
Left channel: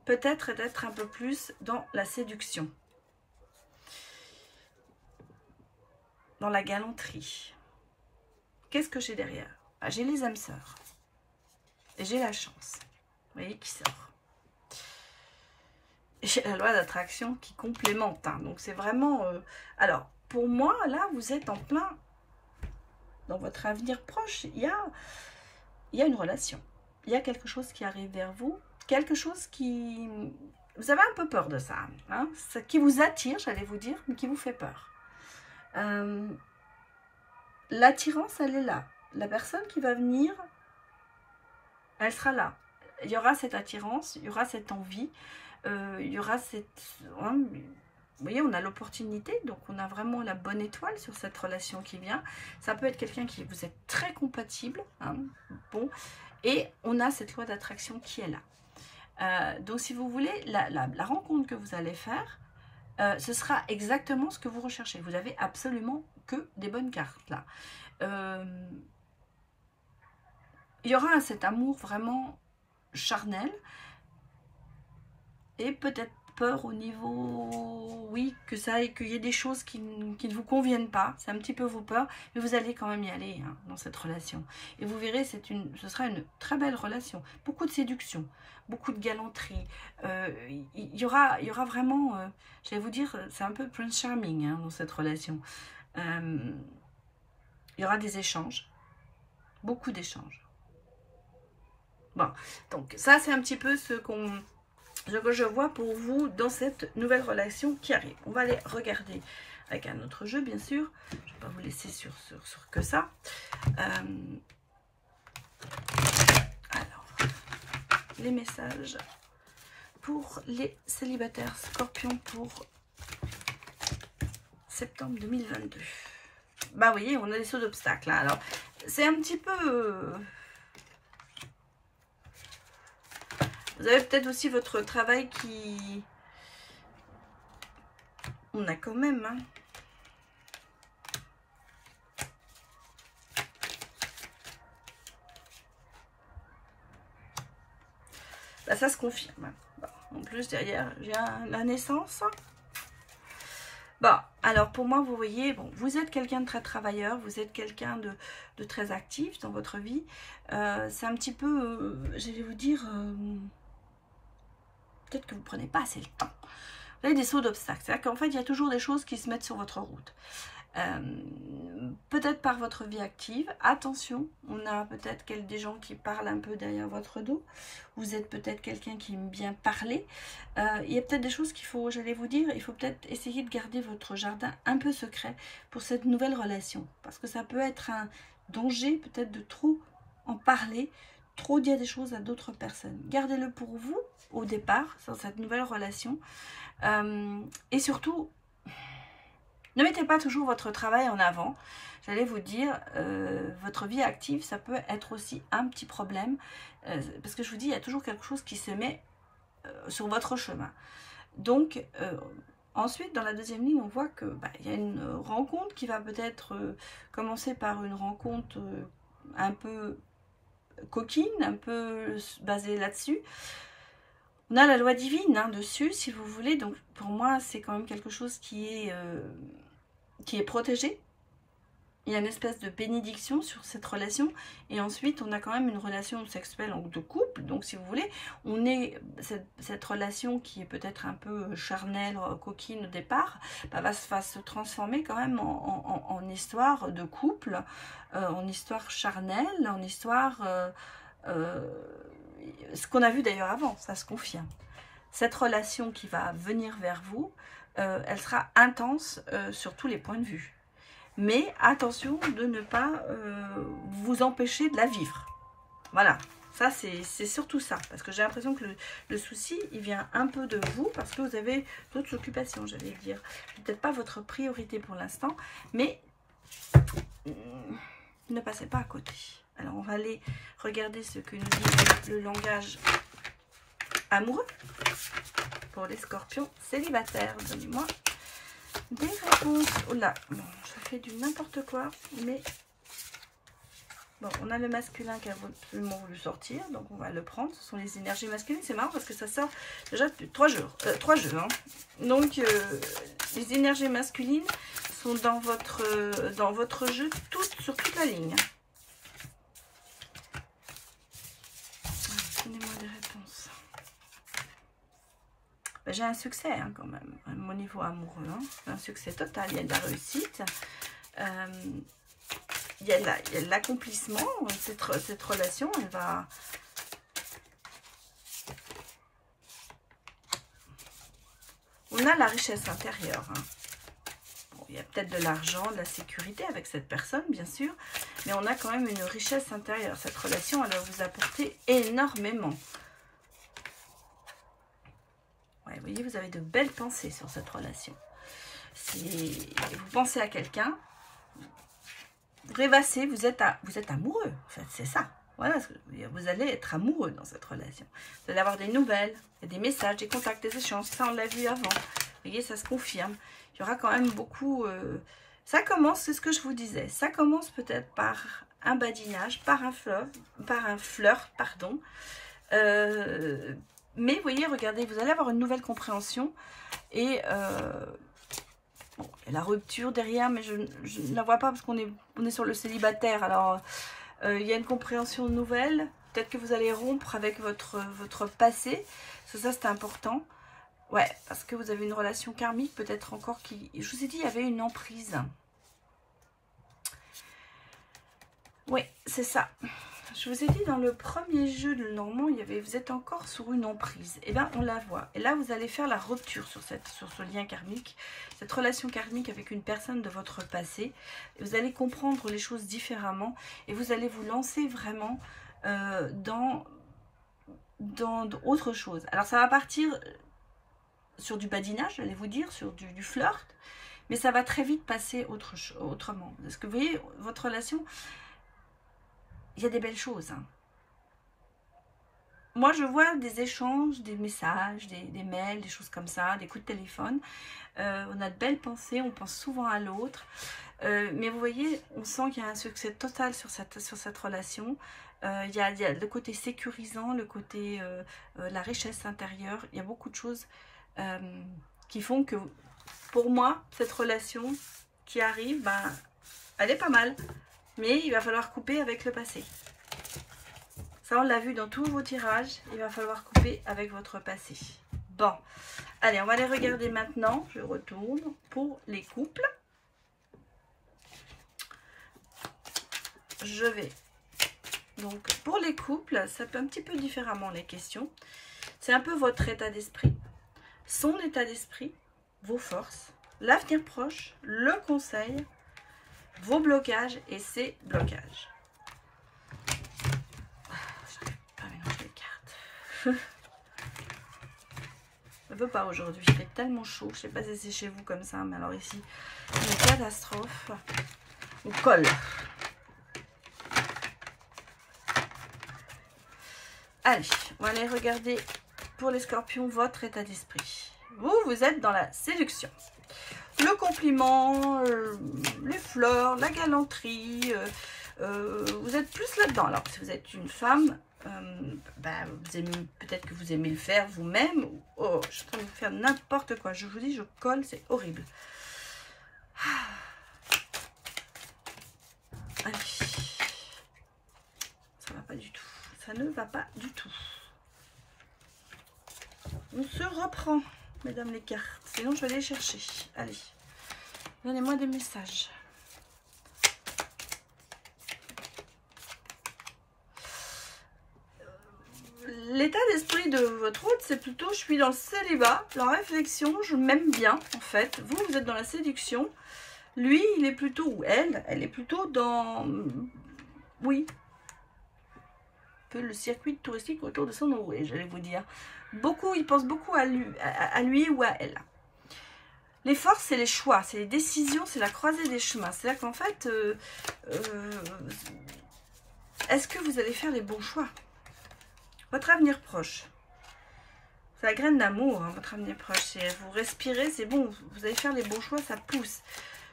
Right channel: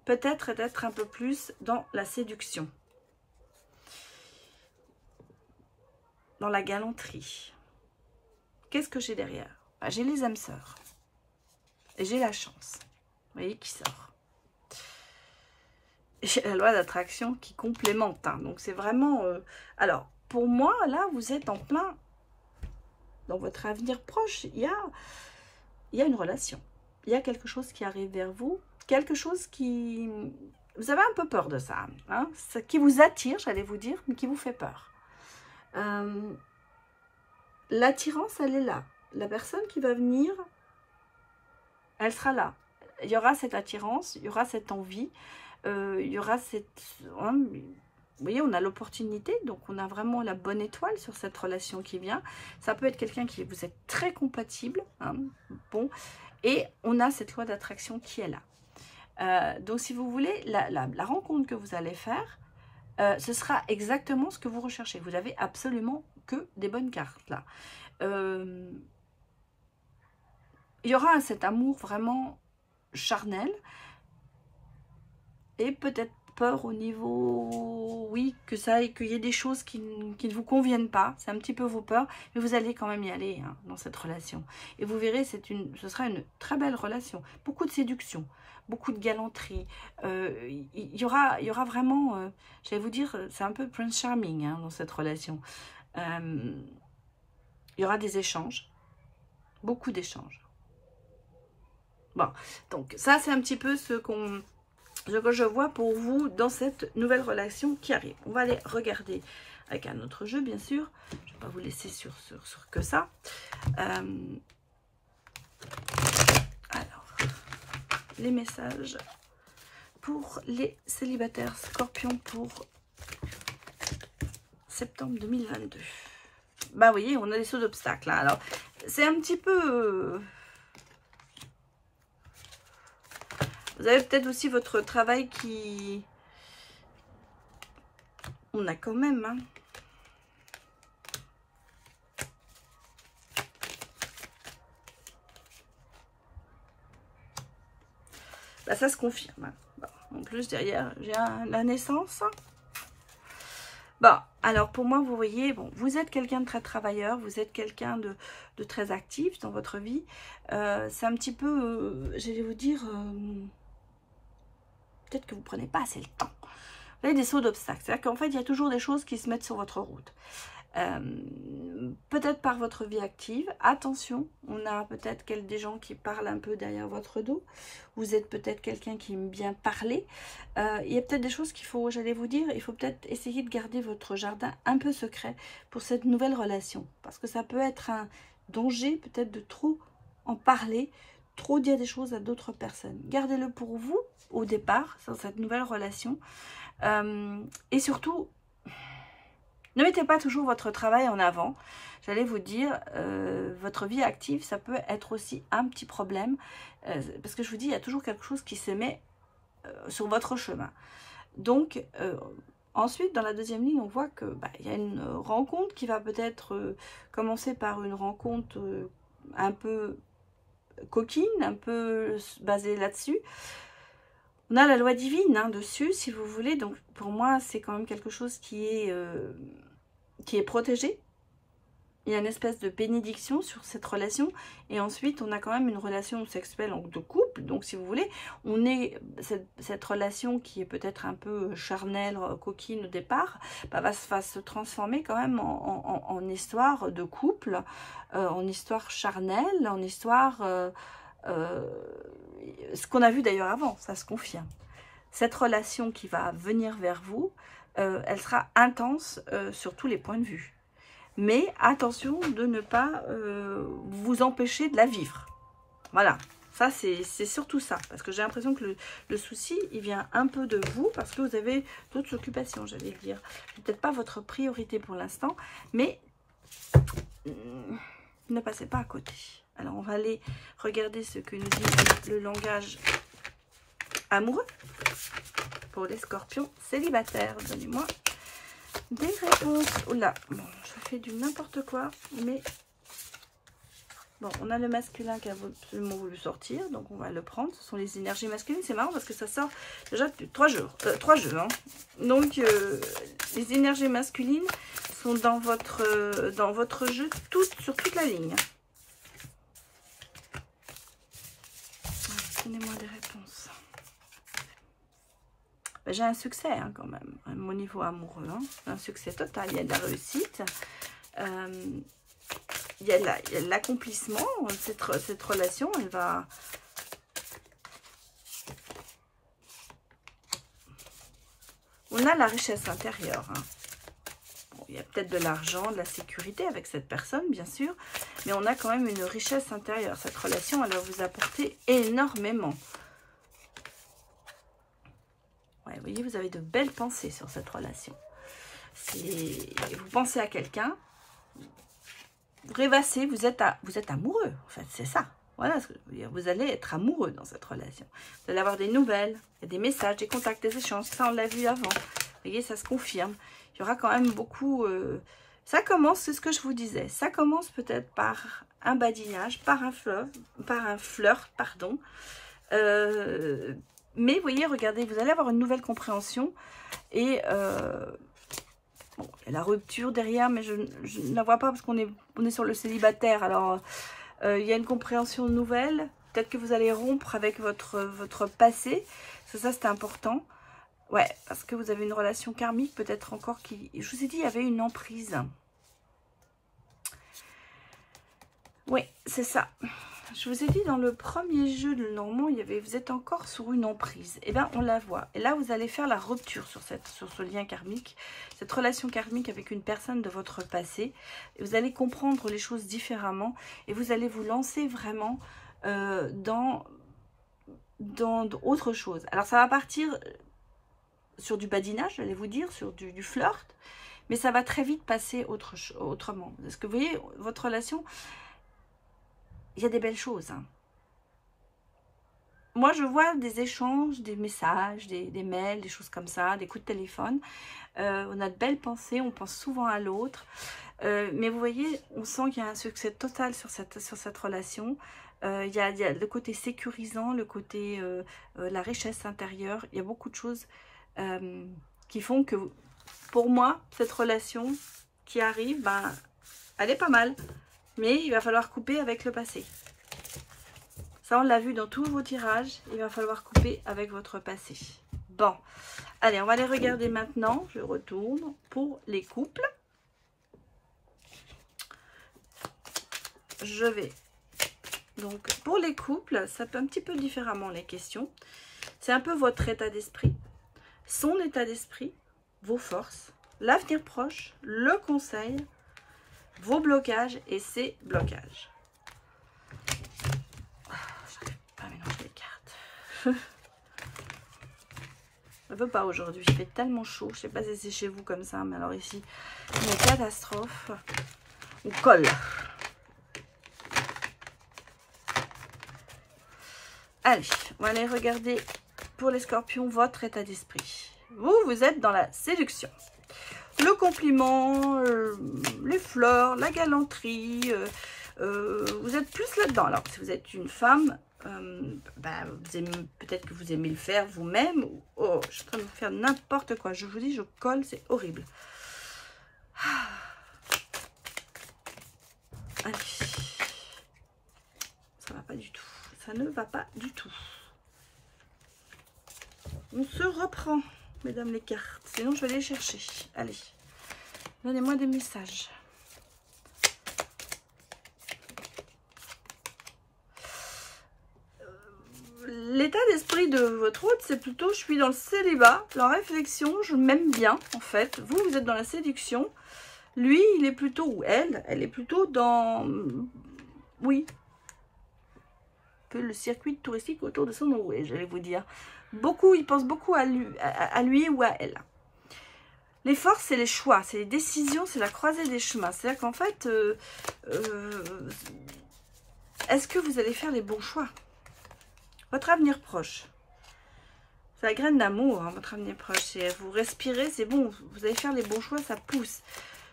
peut-être d'être un peu plus dans la séduction. Dans la galanterie. Qu'est-ce que j'ai derrière? Bah, j'ai les âmes sœurs. Et j'ai la chance. Vous voyez qui sort. J'ai la loi d'attraction qui complémente. Hein. Donc, c'est vraiment... Alors, pour moi, là, vous êtes en plein... Dans votre avenir proche, il y a une relation. Il y a quelque chose qui arrive vers vous. Quelque chose qui... Vous avez un peu peur de ça. Hein, qui vous attire, j'allais vous dire, mais qui vous fait peur. L'attirance, elle est là. La personne qui va venir, elle sera là. Il y aura cette attirance, il y aura cette envie. Il y aura cette... Hein, vous voyez, on a l'opportunité, donc on a vraiment la bonne étoile sur cette relation qui vient. Ça peut être quelqu'un qui vous êtes très compatible. Hein, bon, et on a cette loi d'attraction qui est là. Donc, si vous voulez, la rencontre que vous allez faire, ce sera exactement ce que vous recherchez. Vous n'avez absolument que des bonnes cartes, là. Il y aura cet amour vraiment charnel. Et peut-être peur au niveau, oui, qu'il y ait des choses qui ne vous conviennent pas. C'est un petit peu vos peurs, mais vous allez quand même y aller hein, dans cette relation. Et vous verrez, ce sera une très belle relation. Beaucoup de séduction, beaucoup de galanterie. Il y aura vraiment, j'allais vous dire, c'est un peu Prince Charming hein, dans cette relation. Il y aura des échanges, beaucoup d'échanges. Bon, donc ça c'est un petit peu ce que je vois pour vous dans cette nouvelle relation qui arrive. On va aller regarder avec un autre jeu, bien sûr. Je ne vais pas vous laisser sur que ça. Alors, les messages pour les célibataires scorpions pour septembre 2022. Bah, vous voyez, on a des sauts d'obstacles. Hein. Alors, c'est un petit peu... Vous avez peut-être aussi votre travail qui... On a quand même... Hein. Là, ça se confirme. Hein. Bon, en plus, derrière, j'ai la naissance. Bon, alors pour moi, vous voyez, bon, vous êtes quelqu'un de très travailleur, vous êtes quelqu'un de très actif dans votre vie. C'est un petit peu, je vais vous dire... Peut-être que vous ne prenez pas assez le temps. Vous avez des sauts d'obstacles. C'est-à-dire qu'en fait, il y a toujours des choses qui se mettent sur votre route. Peut-être par votre vie active. Attention, on a peut-être des gens qui parlent un peu derrière votre dos. Vous êtes peut-être quelqu'un qui aime bien parler. Il y a peut-être des choses qu'il faut, j'allais vous dire, il faut peut-être essayer de garder votre jardin un peu secret pour cette nouvelle relation. Parce que ça peut être un danger peut-être de trop en parler, trop dire des choses à d'autres personnes. Gardez-le pour vous au départ, sur cette nouvelle relation. Et surtout, ne mettez pas toujours votre travail en avant. J'allais vous dire, votre vie active, ça peut être aussi un petit problème. Parce que je vous dis, il y a toujours quelque chose qui se met sur votre chemin. Donc, ensuite, dans la deuxième ligne, on voit que il y a une rencontre qui va peut-être commencer par une rencontre un peu coquine, un peu basée là-dessus. On a la loi divine dessus, si vous voulez. Donc, pour moi, c'est quand même quelque chose qui est protégé. Il y a une espèce de bénédiction sur cette relation. Et ensuite, on a quand même une relation sexuelle de couple. Donc, si vous voulez, on est cette relation qui est peut-être un peu charnelle, coquine au départ, va se transformer quand même en histoire de couple, en histoire charnelle, en histoire... ce qu'on a vu d'ailleurs avant, ça se confirme. Cette relation qui va venir vers vous, elle sera intense sur tous les points de vue. Mais attention de ne pas vous empêcher de la vivre. Voilà, ça c'est surtout ça. Parce que j'ai l'impression que le souci, il vient un peu de vous parce que vous avez d'autres occupations, j'allais dire. Peut-être pas votre priorité pour l'instant, mais ne passez pas à côté. Alors, on va aller regarder ce que nous dit le langage amoureux pour les scorpions célibataires. Donnez-moi des réponses. Oh là, bon, je fais du n'importe quoi, mais bon, on a le masculin qui a absolument voulu sortir, donc on va le prendre. Ce sont les énergies masculines. C'est marrant parce que ça sort déjà depuis 3 jours. Donc, les énergies masculines sont dans votre jeu sur toute la ligne. Donnez-moi des réponses. J'ai un succès quand même, à mon niveau amoureux. Un succès total, il y a de la réussite. Il y a de l'accomplissement. Cette relation, elle va... On a la richesse intérieure. Bon, il y a peut-être de l'argent, de la sécurité avec cette personne, bien sûr. Mais on a quand même une richesse intérieure. Cette relation, elle va vous apporter énormément. Ouais, vous voyez, vous avez de belles pensées sur cette relation. Vous pensez à quelqu'un, vous rêvassez, vous êtes amoureux. En fait, c'est ça. Voilà, vous allez être amoureux dans cette relation. Vous allez avoir des nouvelles, des messages, des contacts, des échanges. Ça, on l'a vu avant. Vous voyez, ça se confirme. Il y aura quand même beaucoup... Ça commence, c'est ce que je vous disais, ça commence peut-être par un badinage, par un flirt, pardon. Mais vous voyez, regardez, vous allez avoir une nouvelle compréhension et bon, il y a la rupture derrière, mais je ne la vois pas parce qu'on est sur le célibataire. Alors, il y a une compréhension nouvelle. Peut-être que vous allez rompre avec votre passé. Ça c'est important. Ouais, parce que vous avez une relation karmique, peut-être encore qui... Je vous ai dit, il y avait une emprise. Oui, c'est ça. Je vous ai dit, dans le premier jeu de Normand, vous êtes encore sur une emprise. Et bien, on la voit. Et là, vous allez faire la rupture sur ce lien karmique, cette relation karmique avec une personne de votre passé. Et vous allez comprendre les choses différemment. Et vous allez vous lancer vraiment dans autre chose. Alors, ça va partir... sur du badinage, j'allais vous dire, sur du flirt, mais ça va très vite passer autrement. Parce que vous voyez, votre relation, il y a des belles choses. Moi, je vois des échanges, des messages, des mails, des choses comme ça, des coups de téléphone. On a de belles pensées, on pense souvent à l'autre. Mais vous voyez, on sent qu'il y a un succès total sur cette relation. Il y a le côté sécurisant, le côté la richesse intérieure. Il y a beaucoup de choses qui font que, pour moi, cette relation qui arrive, elle est pas mal. Mais il va falloir couper avec le passé. Ça, on l'a vu dans tous vos tirages. Il va falloir couper avec votre passé. Bon, Allez, on va les regarder maintenant. Je retourne pour les couples. Je vais... Donc, pour les couples, ça peut un petit peu différemment les questions. C'est un peu votre état d'esprit, son état d'esprit, vos forces, l'avenir proche, le conseil, vos blocages et ses blocages. J'arrive pas à mélanger les cartes. Je ne veux pas aujourd'hui, il fait tellement chaud. Je ne sais pas si c'est chez vous comme ça, mais alors ici, une catastrophe. On colle. Allez, on va aller regarder pour les scorpions votre état d'esprit. Vous êtes dans la séduction. Le compliment, les fleurs, la galanterie. Vous êtes plus là-dedans. Alors, si vous êtes une femme, peut-être que vous aimez le faire vous-même. Oh, je suis en train de faire n'importe quoi. Je vous dis, je colle, c'est horrible. Allez. Ça va pas du tout. Ça ne va pas du tout. On se reprend, mesdames les cartes. Sinon, je vais les chercher. Allez, donnez-moi des messages. L'état d'esprit de votre hôte, c'est plutôt, je suis dans le célibat, la réflexion, je m'aime bien, en fait. Vous, vous êtes dans la séduction. Lui, il est plutôt, ou elle est plutôt dans... Oui. Le circuit touristique autour de son nouveau, j'allais vous dire. Beaucoup, il pense beaucoup à lui ou à elle. Les forces, c'est les choix, c'est les décisions, c'est la croisée des chemins. C'est-à-dire qu'en fait, est-ce que vous allez faire les bons choix? Votre avenir proche. C'est la graine d'amour, hein, votre avenir proche. Vous respirez, c'est bon, vous allez faire les bons choix, ça pousse.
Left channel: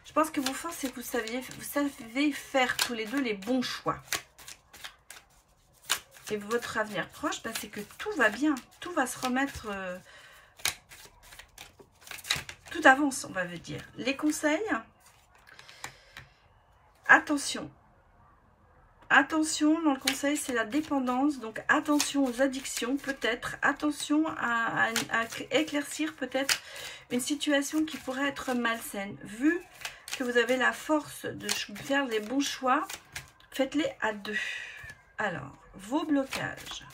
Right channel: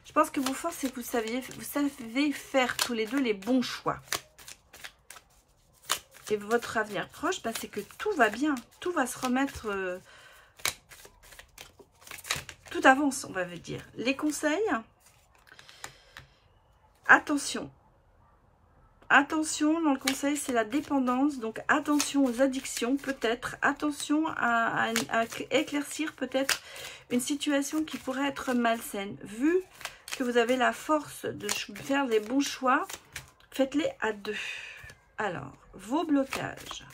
Je pense que vos forces, c'est que vous savez faire tous les deux les bons choix. Et votre avenir proche, c'est que tout va bien. Tout va se remettre... tout avance, on va dire. Les conseils. Attention. Attention, dans le conseil, c'est la dépendance. Donc, attention aux addictions, peut-être. Attention à éclaircir, peut-être, une situation qui pourrait être malsaine. Vu que vous avez la force de faire les bons choix, faites-les à deux. Alors, vos blocages.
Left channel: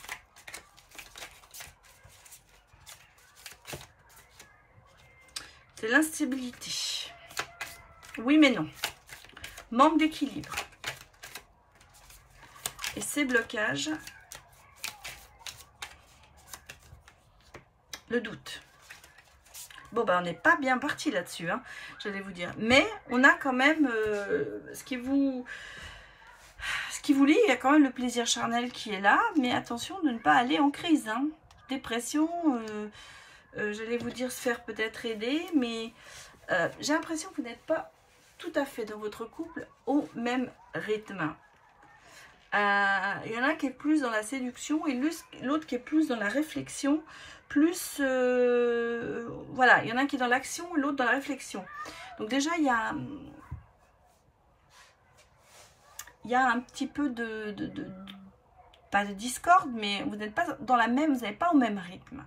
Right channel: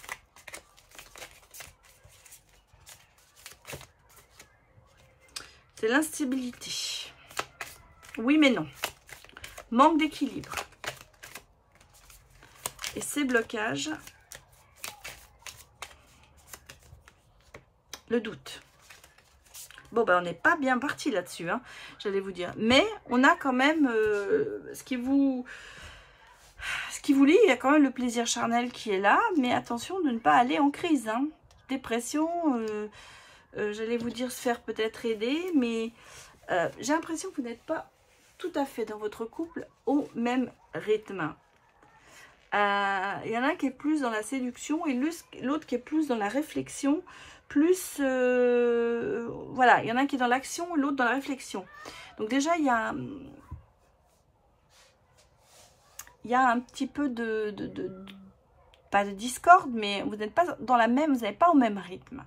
C'est l'instabilité. Oui, mais non. Manque d'équilibre. Et ces blocages, le doute. Bon, on n'est pas bien parti là-dessus, hein, j'allais vous dire. Mais on a quand même ce qui vous lie, il y a quand même le plaisir charnel qui est là. Mais attention de ne pas aller en crise. Hein. Dépression, j'allais vous dire se faire peut-être aider. Mais j'ai l'impression que vous n'êtes pas tout à fait dans votre couple au même rythme. Il y en a un qui est plus dans la séduction et l'autre qui est plus dans la réflexion. Plus, voilà, il y en a un qui est dans l'action et l'autre dans la réflexion. Donc déjà, il y a un petit peu pas de discorde, mais vous n'êtes pas dans la même, vous n'êtes pas au même rythme.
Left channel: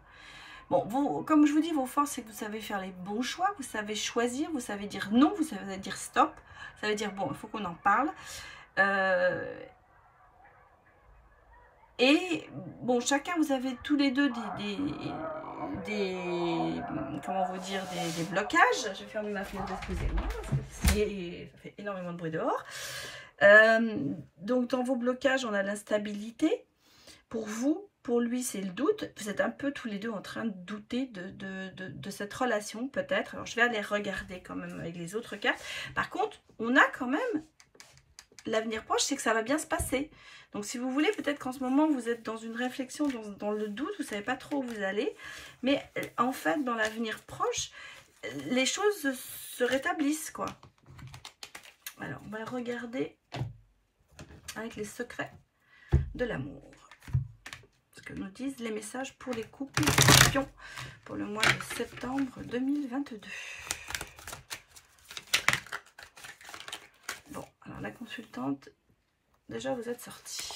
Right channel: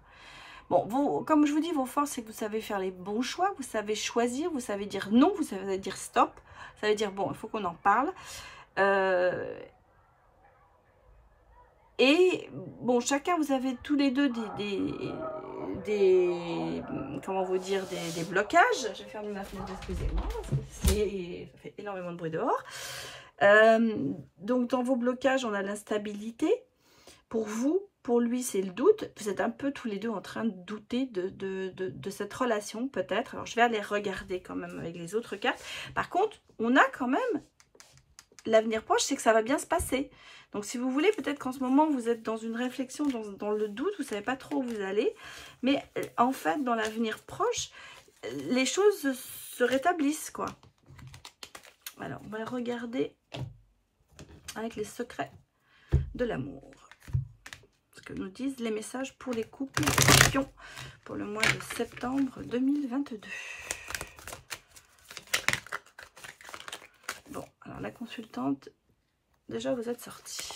Bon, comme je vous dis, vos forces, c'est que vous savez faire les bons choix, vous savez choisir, vous savez dire non, vous savez dire stop, vous savez dire bon, il faut qu'on en parle. Et bon, chacun, vous avez tous les deux comment vous dire, des blocages. Je vais fermer ma fenêtre, excusez-moi, parce que ça fait énormément de bruit dehors. Donc, dans vos blocages, on a l'instabilité. Pour vous, pour lui, c'est le doute. Vous êtes un peu tous les deux en train de douter de cette relation, peut-être. Alors, je vais aller regarder quand même avec les autres cartes. Par contre, on a quand même l'avenir proche, c'est que ça va bien se passer. Donc, si vous voulez, peut-être qu'en ce moment, vous êtes dans une réflexion, dans le doute, vous ne savez pas trop où vous allez. Mais en fait, dans l'avenir proche, les choses se rétablissent, quoi. Alors, on va regarder avec les secrets de l'amour. Ce que nous disent les messages pour les couples scorpions pour le mois de septembre 2022. Bon, alors la consultante... Déjà, vous êtes sortis.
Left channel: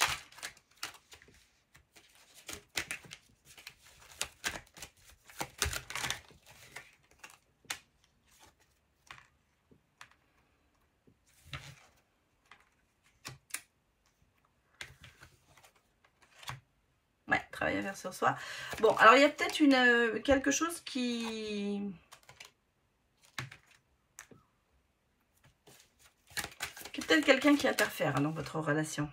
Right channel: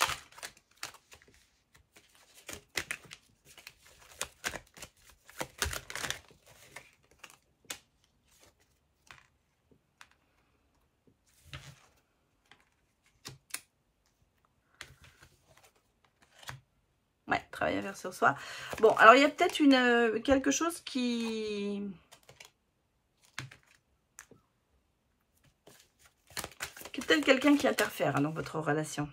travail à faire sur soi. Bon, alors il y a peut-être quelque chose qui... peut-être quelqu'un qui interfère dans votre relation.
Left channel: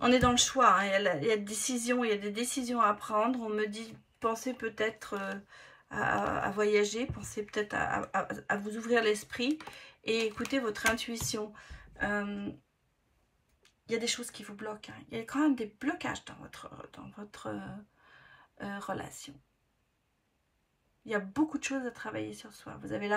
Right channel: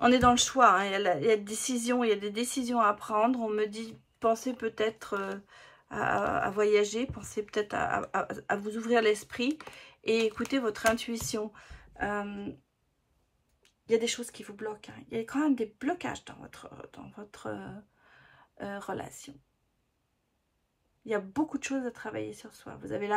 On est dans le choix, hein. Il y a des décisions à prendre. On me dit, pensez peut-être à voyager, pensez peut-être à vous ouvrir l'esprit et écoutez votre intuition. Il y a des choses qui vous bloquent, hein. Il y a quand même des blocages dans votre relation. Il y a beaucoup de choses à travailler sur soi. Vous avez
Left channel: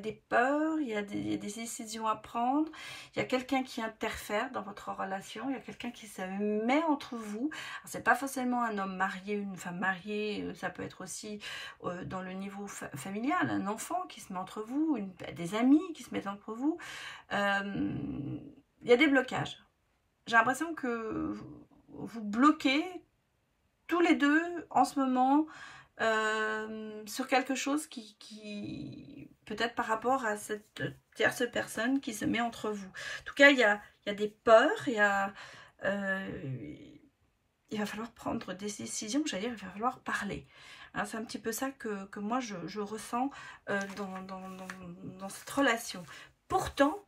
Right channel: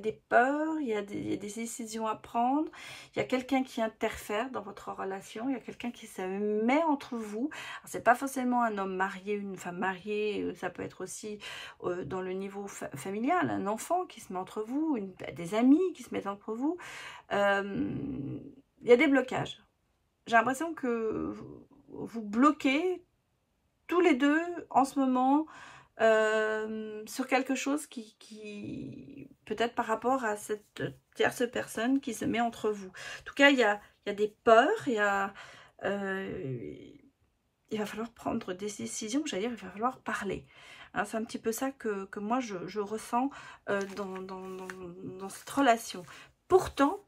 des peurs, il y a des décisions à prendre. Il y a quelqu'un qui interfère dans votre relation. Il y a quelqu'un qui se met entre vous. Ce n'est pas forcément un homme marié, une femme mariée. Ça peut être aussi dans le niveau familial. Un enfant qui se met entre vous. Des amis qui se mettent entre vous. Il y a des blocages. J'ai l'impression que vous bloquez tous les deux en ce moment sur quelque chose qui peut-être par rapport à cette tierce personne qui se met entre vous. En tout cas, il y a des peurs, il va falloir prendre des décisions, j'allais dire, il va falloir parler. Hein, c'est un petit peu ça que moi je ressens dans cette relation. Pourtant,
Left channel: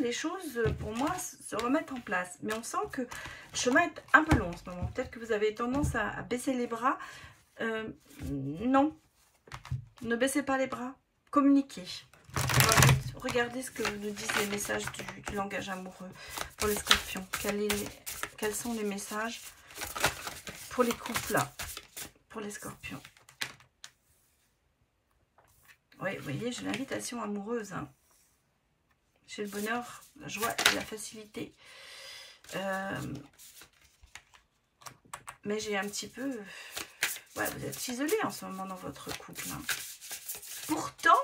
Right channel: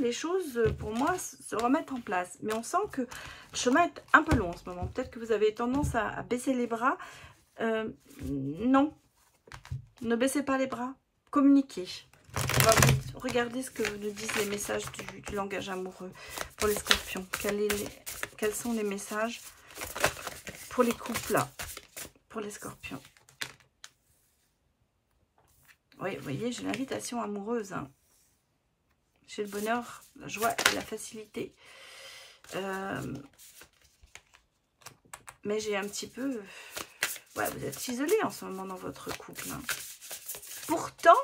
les choses, pour moi, se remettent en place. Mais on sent que le chemin est un peu long en ce moment. Peut-être que vous avez tendance à baisser les bras. Non, ne baissez pas les bras, communiquez. On va regarder ce que nous disent les messages du langage amoureux pour les scorpions. Quels sont les messages pour les couples, pour les scorpions? Oui, vous voyez, j'ai l'invitation amoureuse. Hein. J'ai le bonheur, la joie et la facilité. Mais j'ai un petit peu... Ouais, vous êtes isolé en ce moment dans votre couple. Hein. Pourtant,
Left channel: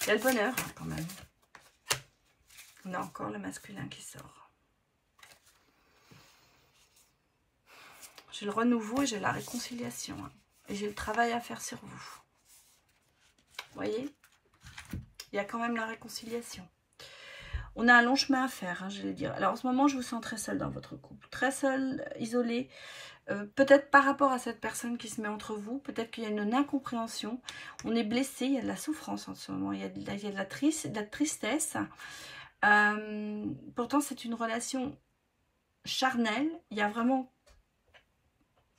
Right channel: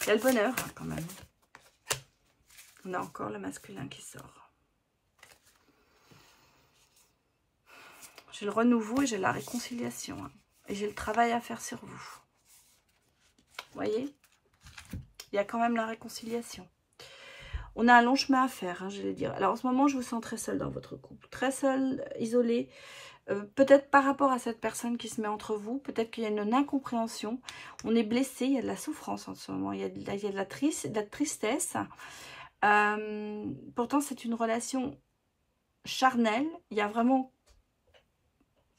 il y a le bonheur hein, quand même. On a encore le masculin qui sort. J'ai le renouveau et j'ai la réconciliation. Hein. Et j'ai le travail à faire sur vous. Vous voyez, il y a quand même la réconciliation. On a un long chemin à faire, hein, je vais dire. Alors en ce moment, je vous sens très seul dans votre couple. Très seul, isolé. Peut-être par rapport à cette personne qui se met entre vous. Peut-être qu'il y a une incompréhension. On est blessé, il y a de la souffrance en ce moment. Il y a de la tristesse. Pourtant, c'est une relation charnelle. Il y a vraiment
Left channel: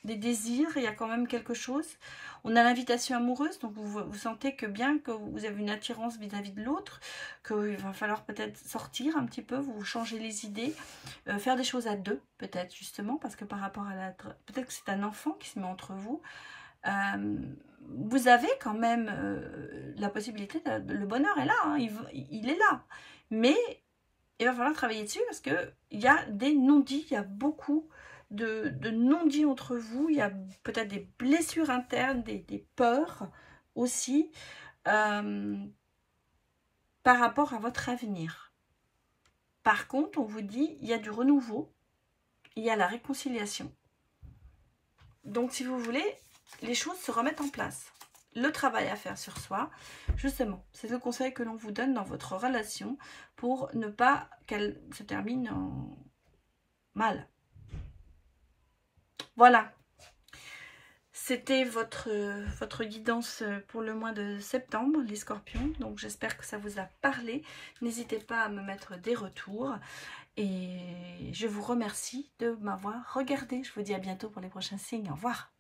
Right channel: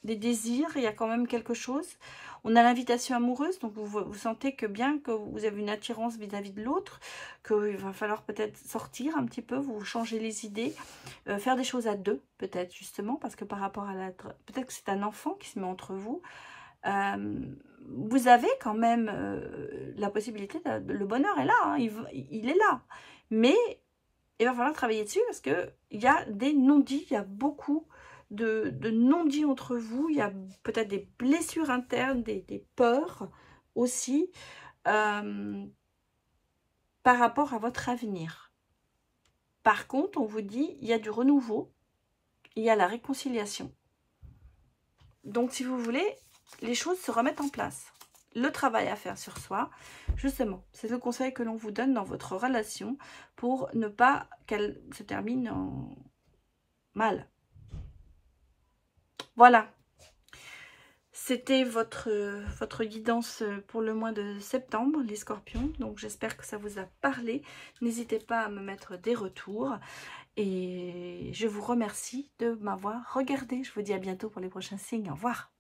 des désirs. Il y a quand même quelque chose. On a l'invitation amoureuse, donc vous sentez que bien que vous avez une attirance vis-à-vis de l'autre, qu'il va falloir peut-être sortir un petit peu, vous changer les idées, faire des choses à deux, peut-être justement, parce que par rapport à peut-être que c'est un enfant qui se met entre vous. Vous avez quand même la possibilité, le bonheur est là, hein, il est là. Mais il va falloir travailler dessus parce qu'il y a des non-dits, il y a beaucoup de non-dits entre vous, il y a peut-être des blessures internes, des peurs aussi par rapport à votre avenir. Par contre, on vous dit, il y a du renouveau, il y a la réconciliation. Donc, si vous voulez, les choses se remettent en place. Le travail à faire sur soi, justement, c'est le conseil que l'on vous donne dans votre relation pour ne pas qu'elle se termine en mal. Voilà, c'était votre guidance pour le mois de septembre, les scorpions. Donc j'espère que ça vous a parlé. N'hésitez pas à me mettre des retours. Et je vous remercie de m'avoir regardé. Je vous dis à bientôt pour les prochains signes. Au revoir.